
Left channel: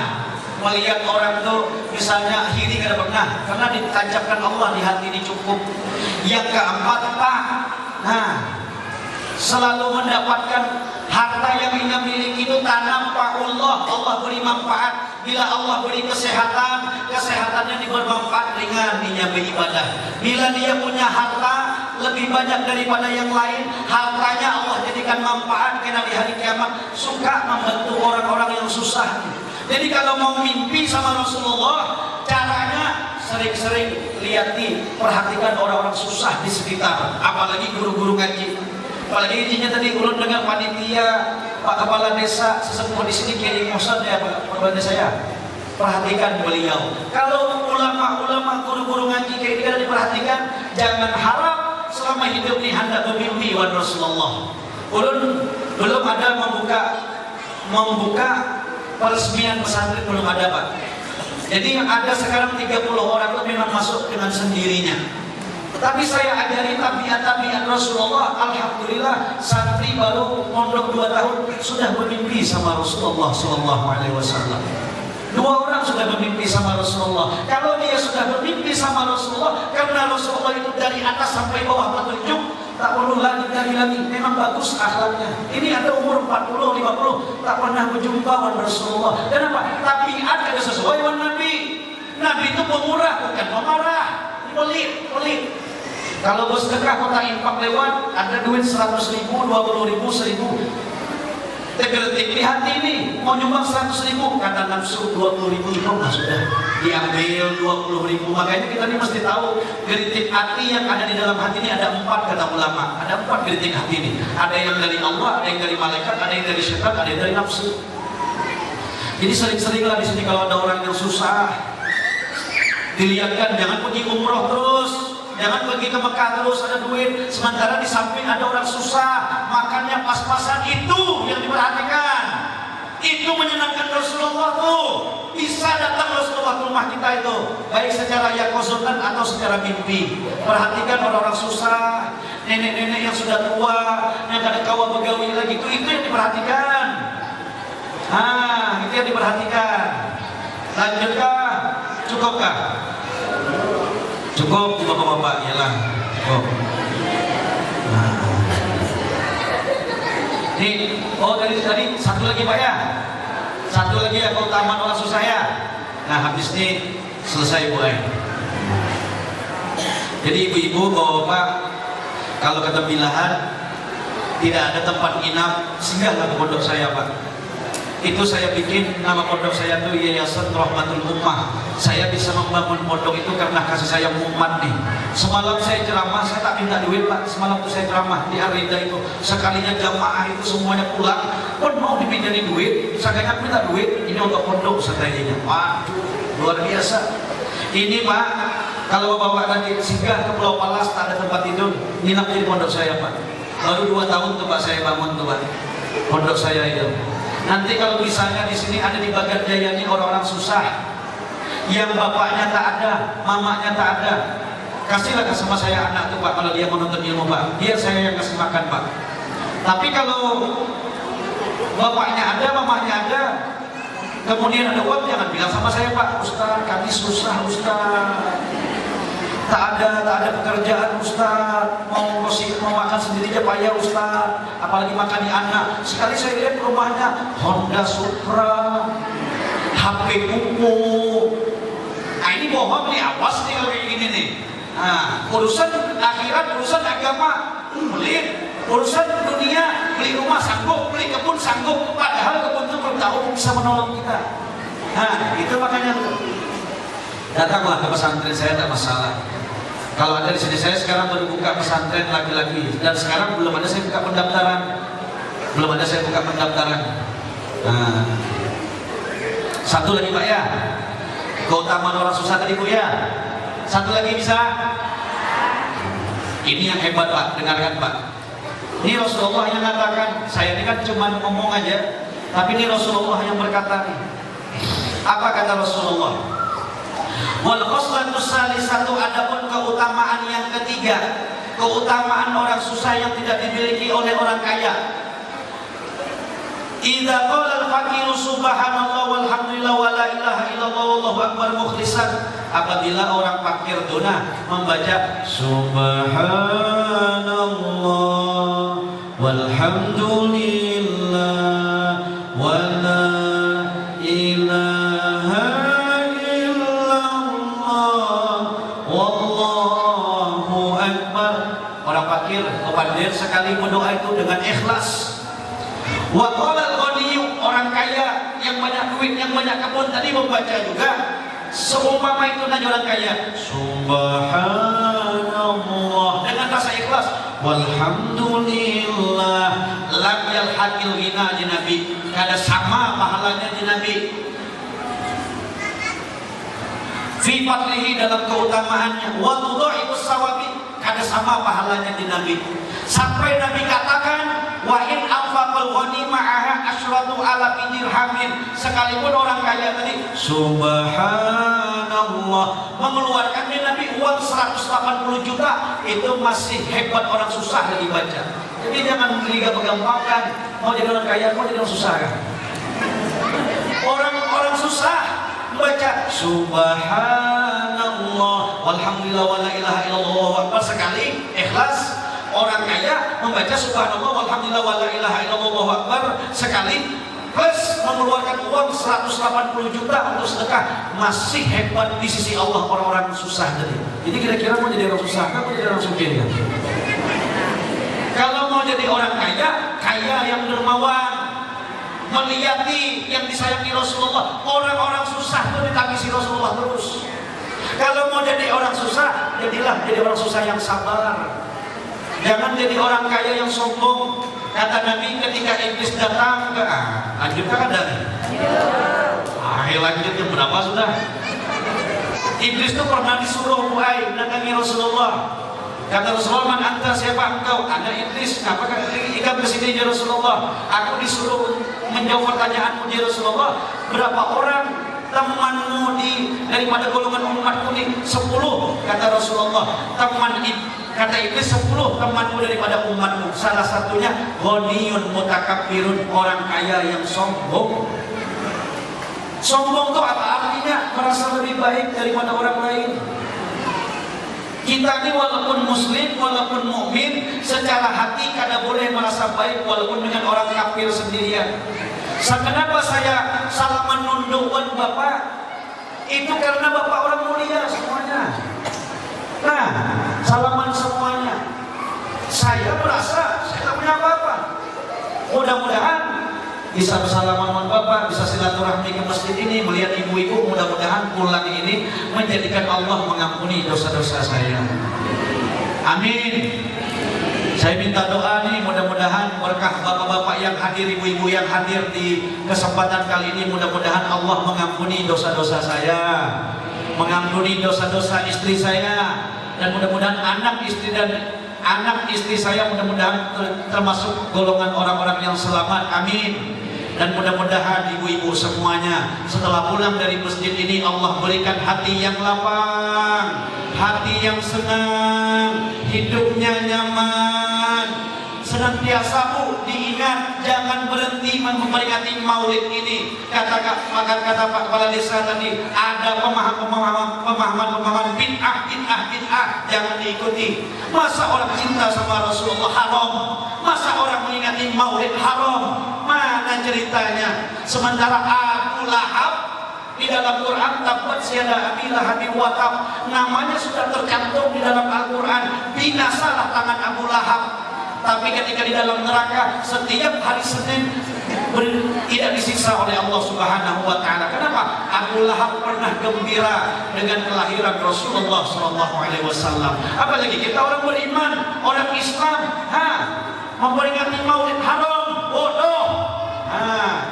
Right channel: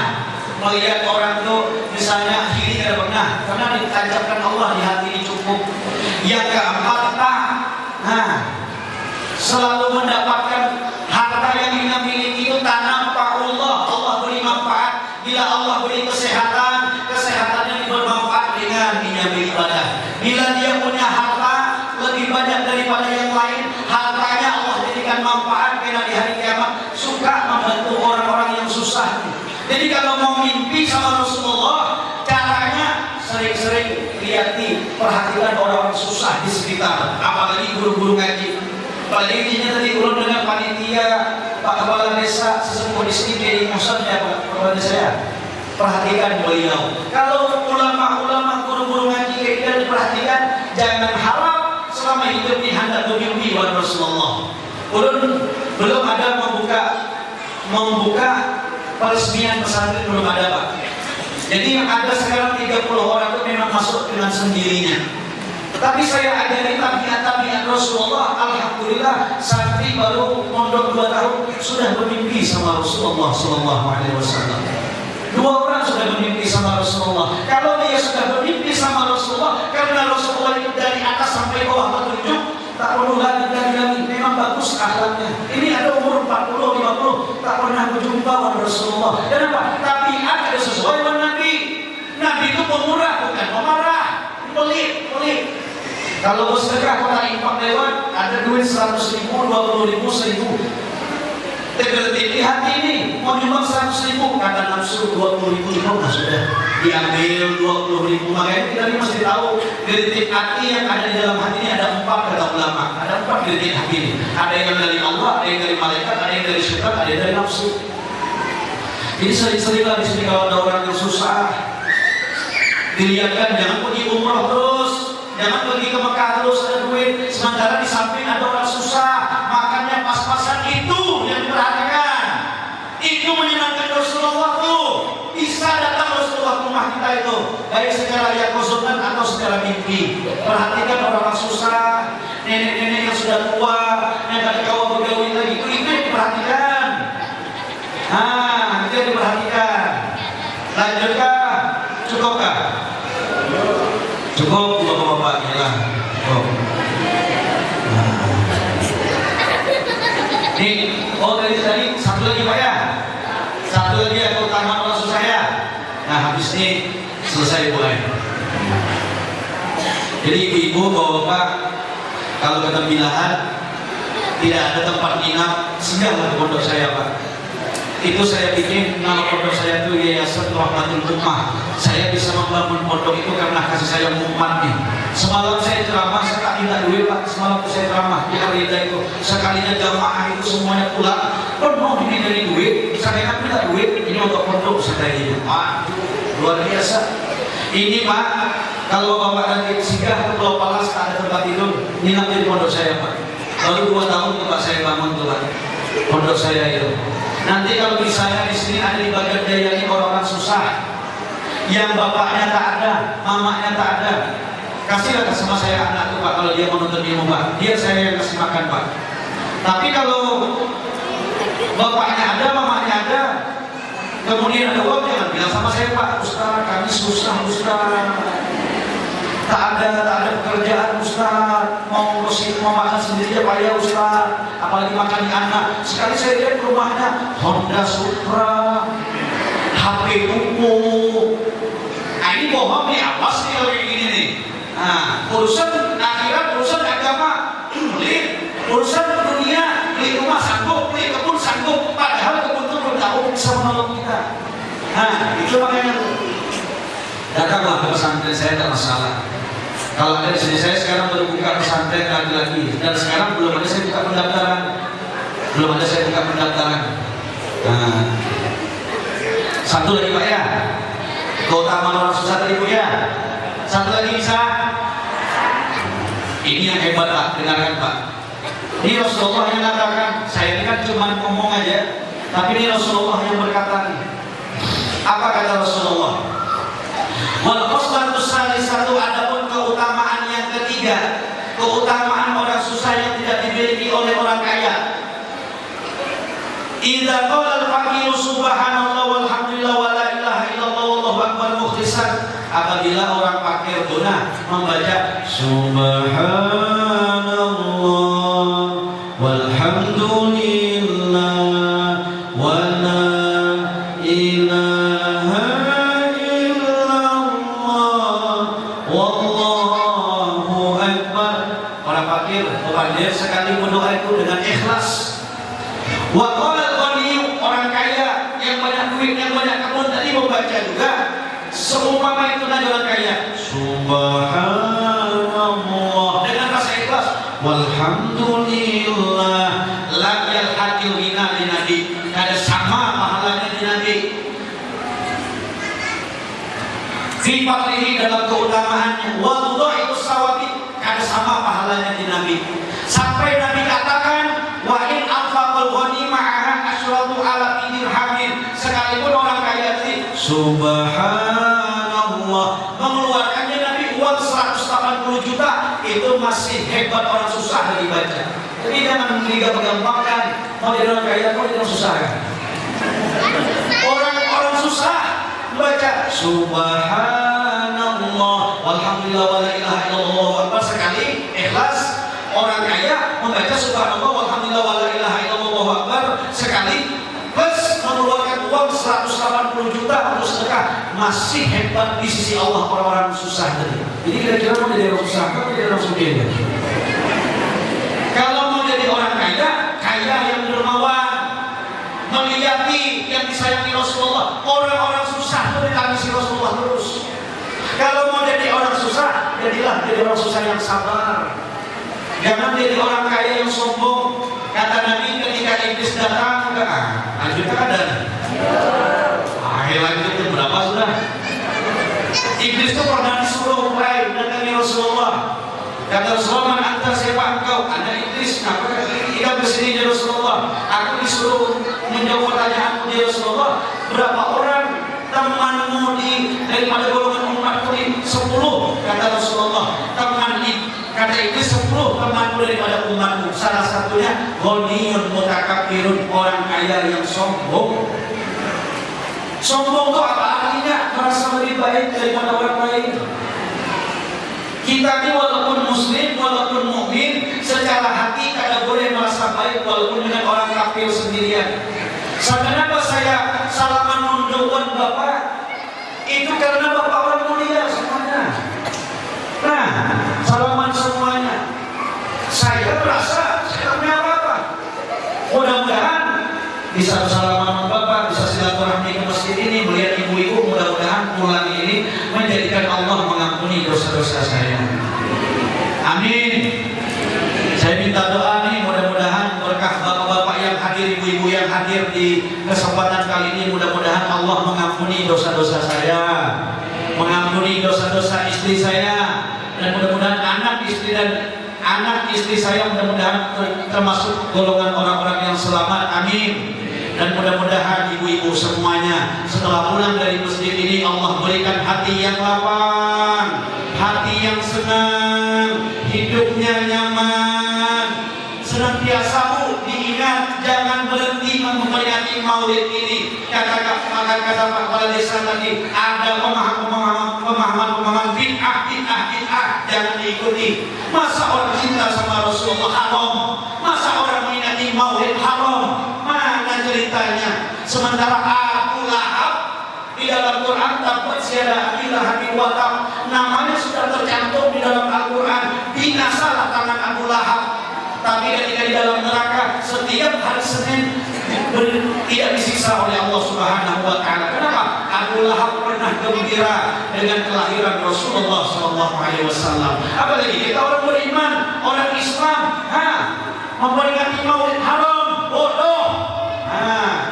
melihat orang tuh misalnya ini kada pernah, karena ditancapkan Allah di hati ini cukup. Yang keempat selalu mendapatkan harta yang kita miliki itu tanam Allah. Allah beri manfaat. Bila Allah beri kesehatan, kesehatannya bermanfaat dengan dia beribadah. Bila dia punya harta lebih banyak daripada yang lain, hartanya Allah jadikan manfaat karena di hari kiamat suka membantu orang-orang yang susah. Jadi kalau mau mimpi sama Rasulullah, caranya sering-sering perhatikan orang-orang susah di sekitar, apalagi guru-guru ngaji. Apalagi intinya tadi ulun dengan panitia, Pak Kepala Desa, sesepuh di sini, Kiai Musa, Kepala Desa ya. perhatikan beliau. Kalau ulama-ulama guru-guru ngaji tidak diperhatikan, jangan harap selama hidup ini hendak bermimpi wan Rasulullah. Belum ada membuka peresmian pesantren, belum ada Pak. Jadi yang ada sekarang 30 orang itu memang masuk dengan sendirinya. Tapi saya ajari tabiat Rasulullah, alhamdulillah santri baru mondok 2 tahun sudah bermimpi sama Rasulullah sallallahu alaihi wasallam. 2 orang sudah bermimpi sama Rasulullah. Kalau dia sudah bermimpi sama Rasulullah, karena Rasulullah itu dari atas sampai bawah petunjuk, tak perlu lagi. Memang bagus akhlaknya. Ini ada umur 40, 50, tak pernah berjumpa dengan Rasulullah. Kenapa? Tapi ada sesuai dengan Nabi. Nabi itu pemurah, bukan pemarah. Pelit. Kalau bersedekah pada infak lewat, ada duit 100.000, 20.000, 1.000. Tergelitik di hati ini, mau nyumbang 100.000, kata nafsu 20.000 itu nggak sudah diambil 20.000. Makanya kita masih tahu gelitik hati yang ada di dalam hati ini ada 4 kata ulama. Ada 4 gelitik hati ini. Ada yang dari Allah, ada yang dari malaikat, ada yang dari syaitan, ada yang dari nafsu. Jadi sering-seringlah di sini kalau ada orang yang susah, dilihatkan jangan pergi umroh terus, jangan pergi ke Mekah terus ada duit, sementara di samping ada orang susah, makannya pas-pasan. Itu yang diperhatikan. Itu menyenangkan Rasulullah tuh. Bisa datang Rasulullah ke rumah kita itu, baik secara yakosotan atau secara mimpi. Perhatikan orang-orang susah, nenek-nenek yang sudah tua, yang gak ada kawan bergaul lagi, itu yang diperhatikan. Itu yang diperhatikan. Lanjutkan, cukupkah? Cukup bapak-bapak ya lah. Nih, dari tadi satu lagi Pak ya. Satu lagi ya keutamaan rasul saya. Nah habis ini selesai mulai. Jadi ibu bapak kalau kata bilangan tidak ada tempat nginap, singgahlah ke pondok saya Pak. Itu saya bikin nama pondok saya itu Yayasan Rahmatul Ummah. Saya bisa membangun pondok itu karena kasih sayang umat nih. Semalam saya ceramah, saya tak minta duit Pak. Semalam saya ceramah di Arida itu, sekalinya jamaah itu semuanya pulang, penuh ini dari duit. Saya tak minta duit, ini untuk pondok sekalinya. Pak, luar biasa. Ini Pak, kalau bapak nanti singgah ke Pulau Palas tak ada tempat tidur, nginap di pondok saya Pak. Baru 2 tahun Pak saya bangun tuh Pak, pondok saya itu. Nanti kalau misalnya di sini ada di Bagat Jaya ini orang-orang susah, yang bapaknya tak ada, mamanya tak ada, kasihlah sama saya anak itu Pak kalau dia menuntut ilmu Pak, dia saya yang kasih makan Pak. Tapi kalau bapaknya ada, mamanya ada, kemudian ada uang, jangan bilang sama saya Pak, Ustaz kami susah Ustaz, tak ada pekerjaan Ustaz, mau makan sendiri aja payah Ustaz, apalagi makan di anak. Sekali saya lihat rumahnya Honda Supra, HP buku. Nah ini bohong nih, awas nih kalau kayak gini nih. Nah urusan akhirat, urusan agama pelit, urusan dunia, beli rumah sanggup, beli kebun sanggup, padahal kebun itu belum tahu bisa menolong kita. Nah itu makanya datanglah ke pesantren saya, tak masalah. Kalau ada di sini, saya sekarang baru buka pesantren lagi-lagi, dan sekarang belum ada saya buka pendaftaran, Nah, satu lagi Pak ya, keutamaan orang susah tadi Bu ya. Satu lagi bisa. Ini yang hebat Pak, dengarkan Pak. Ini Rasulullah yang mengatakan, saya ini kan cuma ngomong aja, tapi ini Rasulullah yang berkata. Apa kata Rasulullah? Wal khoslatus salisatu, adapun keutamaan yang ketiga, keutamaan orang susah yang tidak dimiliki oleh orang kaya. Idza qala al-faqiru subhanallah walhamdulillah wa la ilaha illallah wallahu akbar mukhlishan, apabila orang fakir dona membaca subhanallah walhamdulillah wa la ilaha fakir sekali berdoa itu dengan ikhlas. Wa qala al-ghani, orang kaya yang banyak duit, yang banyak kebun tadi membaca juga seumpama itu nanti orang kaya subhanallah dengan rasa ikhlas, walhamdulillah lam yalhaqil ghina di Nabi, ada sama pahalanya di Nabi. fadlihi dalam keutamaannya, wa tudha'ifu sawabi, ada sama pahalanya di Nabi. Sampai Nabi katakan, wa in anfaqal ghanimah asyratu ala dirhamin, sekalipun orang kaya tadi subhanallah mengeluarkannya Nabi uang 180 juta, itu masih hebat orang susah lagi baca. Jadi jangan gampang-gampangkan mau jadi orang kaya, mau jadi orang susah ya. Orang susah baca subhanallah walhamdulillah wala ilaha illallah akbar sekali ikhlas. Orang kaya membaca subhanallah walhamdulillah wala ilaha illallah akbar sekali plus mengeluarkan uang 180 juta untuk sedekah, masih hebat di sisi Allah orang-orang susah tadi. Jadi kira-kira mau jadi orang susah kan, mau jadi orang sugih ya? Kalau mau jadi orang kaya, kaya yang dermawan, menghayati yang disayangi Rasulullah. Orang-orang susah itu dikasihi Rasulullah terus. Kalau mau jadi orang susah, jadilah jadi orang susah yang sabar. Jangan jadi orang kaya yang sombong. Kata Nabi ketika iblis datang, lanjutkan ada. Lanjut itu berapa sudah? Iblis itu pernah disuruh mulai mendatangi Rasulullah. Kata Rasulullah, man anta, siapa engkau? Ada iblis. Nah, ketika bersini ya Rasulullah, aku disuruh menjawab pertanyaanmu ya Rasulullah. Berapa orang temanmu daripada golongan umatku ini? 10. Kata Rasulullah, kata iblis 10 temanmu daripada umatmu. Salah satunya ghaniyun mutakabbirun, orang kaya yang sombong. Sombong itu apa artinya? Merasa lebih baik daripada orang lain. Kita ini walaupun muslim, walaupun mukmin, secara hati kada boleh merasa baik walaupun dengan orang kafir sendirian. Kenapa saya salaman nunduan Bapak? Itu karena Bapak orang mulia semuanya. Nah, salaman semuanya. Saya merasa saya punya apa-apa. Mudah-mudahan bisa bersalaman Bapak, bisa silaturahmi ke masjid ini, melihat ibu-ibu. Mudah-mudahan pulang ini menjadikan Allah mengampuni dosa-dosa saya. Amin. Saya minta doa nih, mudah-mudahan berkah bapak-bapak yang hadir, ibu-ibu yang hadir di kesempatan kali ini, mudah-mudahan Allah mengampuni dosa-dosa saya, mengampuni dosa-dosa istri saya, dan mudah-mudahan anak istri saya mudah-mudahan termasuk golongan orang-orang yang selamat. Amin. Dan mudah-mudahan ibu-ibu semuanya setelah pulang dari masjid ini Allah berikan hati yang lapang, hati yang senang, hidupnya nyaman. Senantiasa diingat, jangan berhenti memperingati Maulid ini. Kata Pak Kepala Desa tadi, ada pemahaman bid'ah, jangan diikuti. Masa orang cinta sama Rasulullah haram? Masa orang mengingati Maulid haram? Mana ceritanya? Sementara Abu Lahab di dalam Quran dapat siada ilahi watab, namanya sudah tercantum di dalam Al-Quran. Binasalah tangan Abu Lahab. Tapi ketika di dalam neraka setiap hari Senin tidak disiksa oleh Allah Subhanahu wa taala. Kenapa? Abu Lahab pernah gembira dengan kelahiran Rasulullah sallallahu alaihi wasallam. Apalagi kita orang beriman, orang Islam, memperingati Maulid haram, bodoh.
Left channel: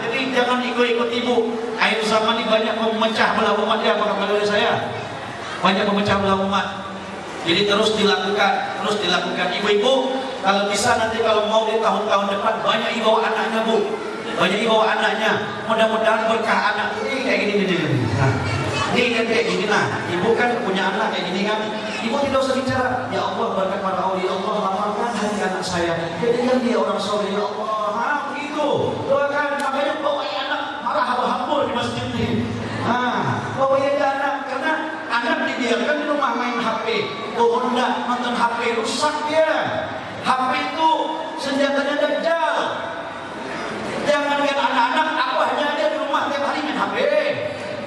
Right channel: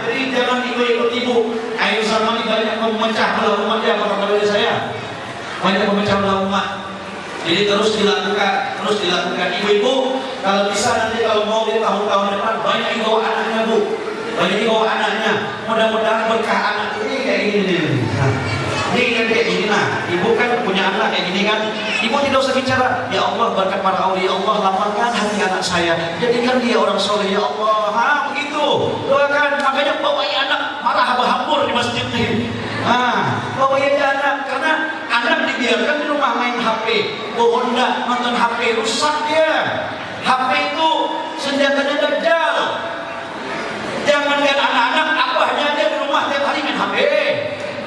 Jadi jangan ikut ibu. Akhir zaman ini banyak memecah belah umat, ya Pak Kepala saya. Banyak memecah belah umat. Jadi terus dilakukan. Ibu-ibu kalau bisa nanti kalau mau di tahun-tahun depan banyak dibawa anaknya Bu, banyak dibawa anaknya. Mudah-mudahan berkah anak ini kayak gini. Ini kayak gini. Nah, ibu kan punya anak kayak gini kan. Ibu tidak usah bicara. Ya Allah berkat para aulia Allah lapangkan hati anak saya. Jadikan dia orang soleh ya Allah. Begitu. Doakan. Makanya bawa anak malah hambur di masjid ini. Bawa anak karena anak dibiarkan di rumah main HP, Honda nonton HP, rusak dia. HP itu senjatanya dajjal. Jangan lihat anak-anak, abahnya aja di rumah tiap hari main HP,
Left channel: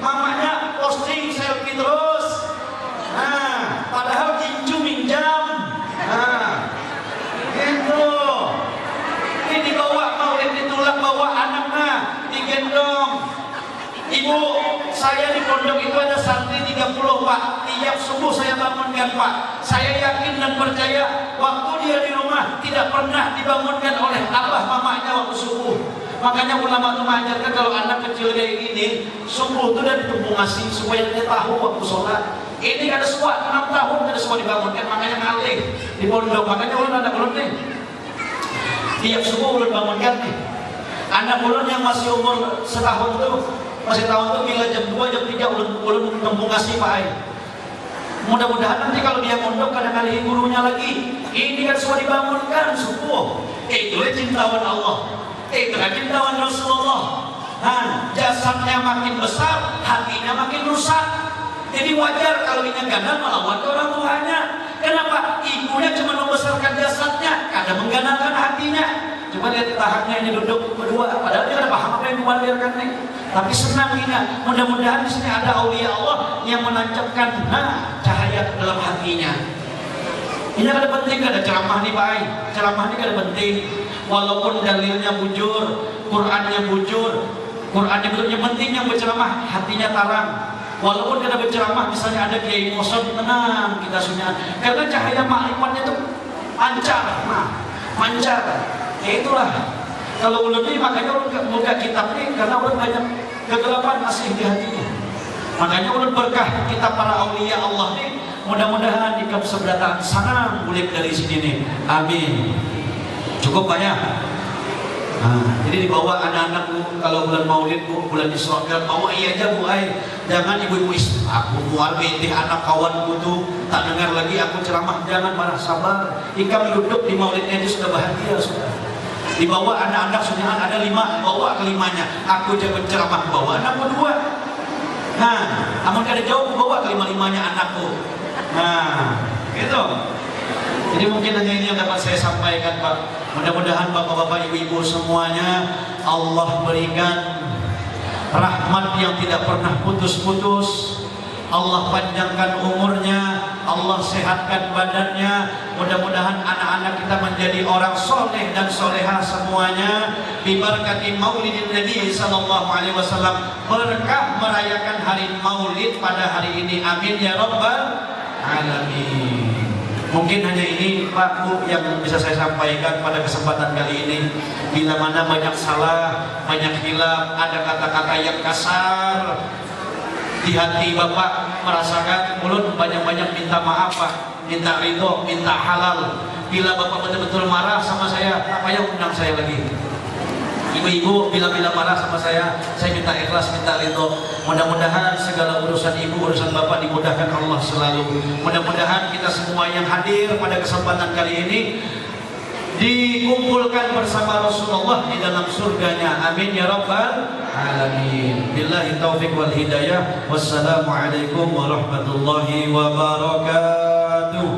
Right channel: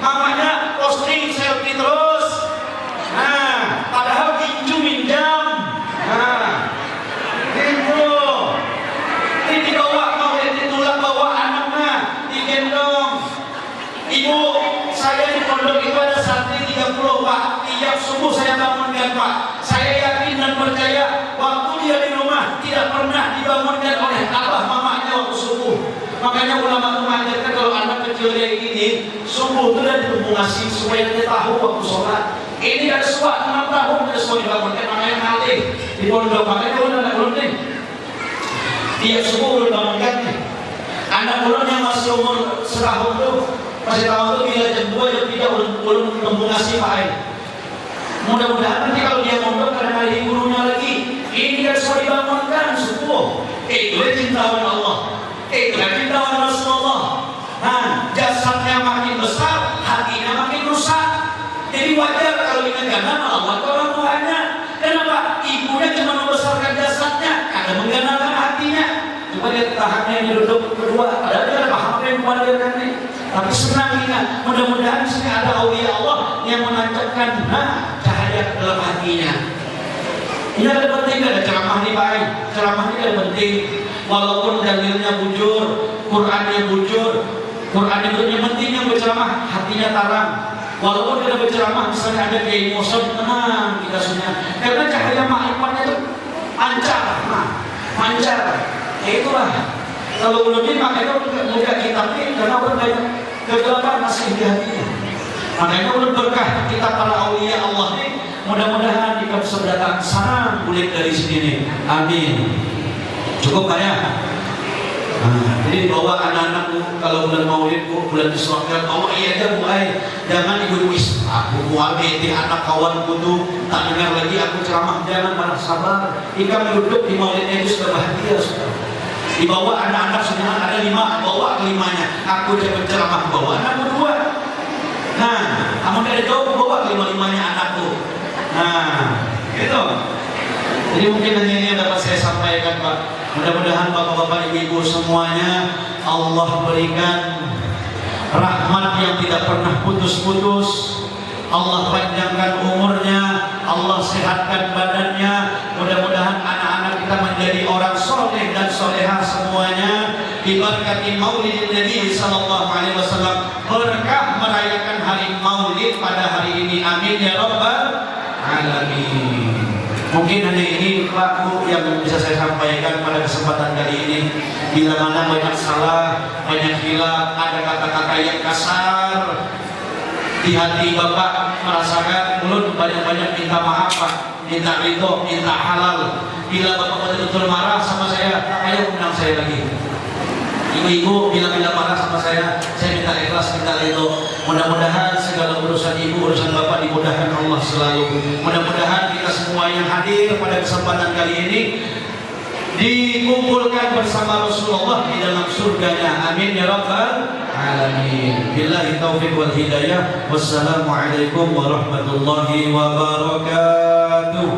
mamanya posting selfie terus. Padahal minjam. Gitu. Ini dibawa mau ditolak bawa anaknya, digendong. Ibu, saya di pondok itu ada santri 30 Pak. Tiap subuh saya bangunkan Pak. Saya yakin dan percaya waktu dia di rumah tidak pernah dibangunkan oleh abah mamanya waktu subuh. Makanya ulama mengajarkan kalau anak kecil kayak gini, subuh itu dan ditumbungasi supaya dia tahu waktu sholat. Ini kan suat 6 tahun dia semua dibangunkan, makanya ngalih di pondok. Makanya kalau anak ulun nih, tiap subuh dibangunkan nih. Anak ulun yang masih umur setahun tuh, masih tahun tuh bila jam 2 jam 3 ulun tumbungasi pakai. Mudah-mudahan nanti kalau dia mondok kadang ada gurunya lagi. Ini kan semua dibangunkan subuh. Itu cintawan Allah. Itu cintawan Rasulullah. Nah, jasadnya makin besar, hatinya makin rusak. Jadi wajar kalau ini gana melawat orang tuanya. Kenapa? Ibunya cuma membesarkan jasadnya, karena mengganakan hatinya. Cuma dia tahapnya yang duduk berdua. Padahal dia ada paham apa yang mengajarkannya. Tapi senang ingat, mudah-mudahan di sini ada aulia Allah yang menancapkan cahaya dalam hatinya. Ini ada penting, ada ceramah nih Pak. Ceramah ini ada penting. Walaupun dalilnya bujur, Qurannya bujur, Quran itu yang penting yang berceramah hatinya tarang. Walaupun dia ada berceramah, misalnya ada kiai Musa, tenang kita sudah. Karena cahaya makhluknya itu pancar, pancar. Ya itulah. Kalau belum ini makanya mudah kitabnya karena banyak kegelapan masih di hatinya. Makanya ulun berkah kitab para aulia Allah ini, mudah-mudahan kita bisa datang sana kulit dari sini. Amin. Cukup Pak ya? Jadi bawa anak-anakmu kalau bulan Maulid, bulan Isra, bawa iya aja Bu Ai. Jangan ibu-ibu aku buat di anak kawan butuh tak dengar lagi aku ceramah, jangan marah, sabar. Jika duduk di Maulidnya itu sudah bahagia sudah. Dibawa anak-anak semua ada 5, bawa ke-5-nya. Aku dia berceramah bawa anak berdua. Nah, kamu ada jauh bawa ke-5-5-nya anakku. Nah, gitu. Jadi mungkin hanya ini yang dapat saya sampaikan Pak. Mudah-mudahan Bapak-Bapak Ibu-Ibu semuanya Allah berikan rahmat yang tidak pernah putus-putus. Allah panjangkan umurnya, Allah sehatkan badannya. Mudah-mudahan anak-anak kita menjadi orang soleh dan soleha semuanya. Diberkati Maulid Nabi Sallallahu Alaihi Wasallam, berkah merayakan hari Maulid pada hari ini. Amin ya Rabbal Alamin. Mungkin hanya ini Pak Bu yang bisa saya sampaikan pada kesempatan kali ini. Bila mana banyak salah, banyak hilaf, ada kata-kata yang kasar, di hati Bapak merasakan mulut banyak-banyak minta maaf Pak, minta ridho, minta halal. Bila Bapak betul-betul marah sama saya, ayo undang saya lagi. Ibu-ibu bila marah sama saya minta ikhlas, minta ridho. Mudah-mudahan segala urusan ibu, urusan Bapak dimudahkan Allah selalu. Mudah-mudahan kita semua yang hadir pada kesempatan kali ini dikumpulkan bersama Rasulullah di dalam surganya. Amin ya Rabbal Alamin. Billahi taufiq wal hidayah. Wassalamualaikum warahmatullahi wabarakatuh.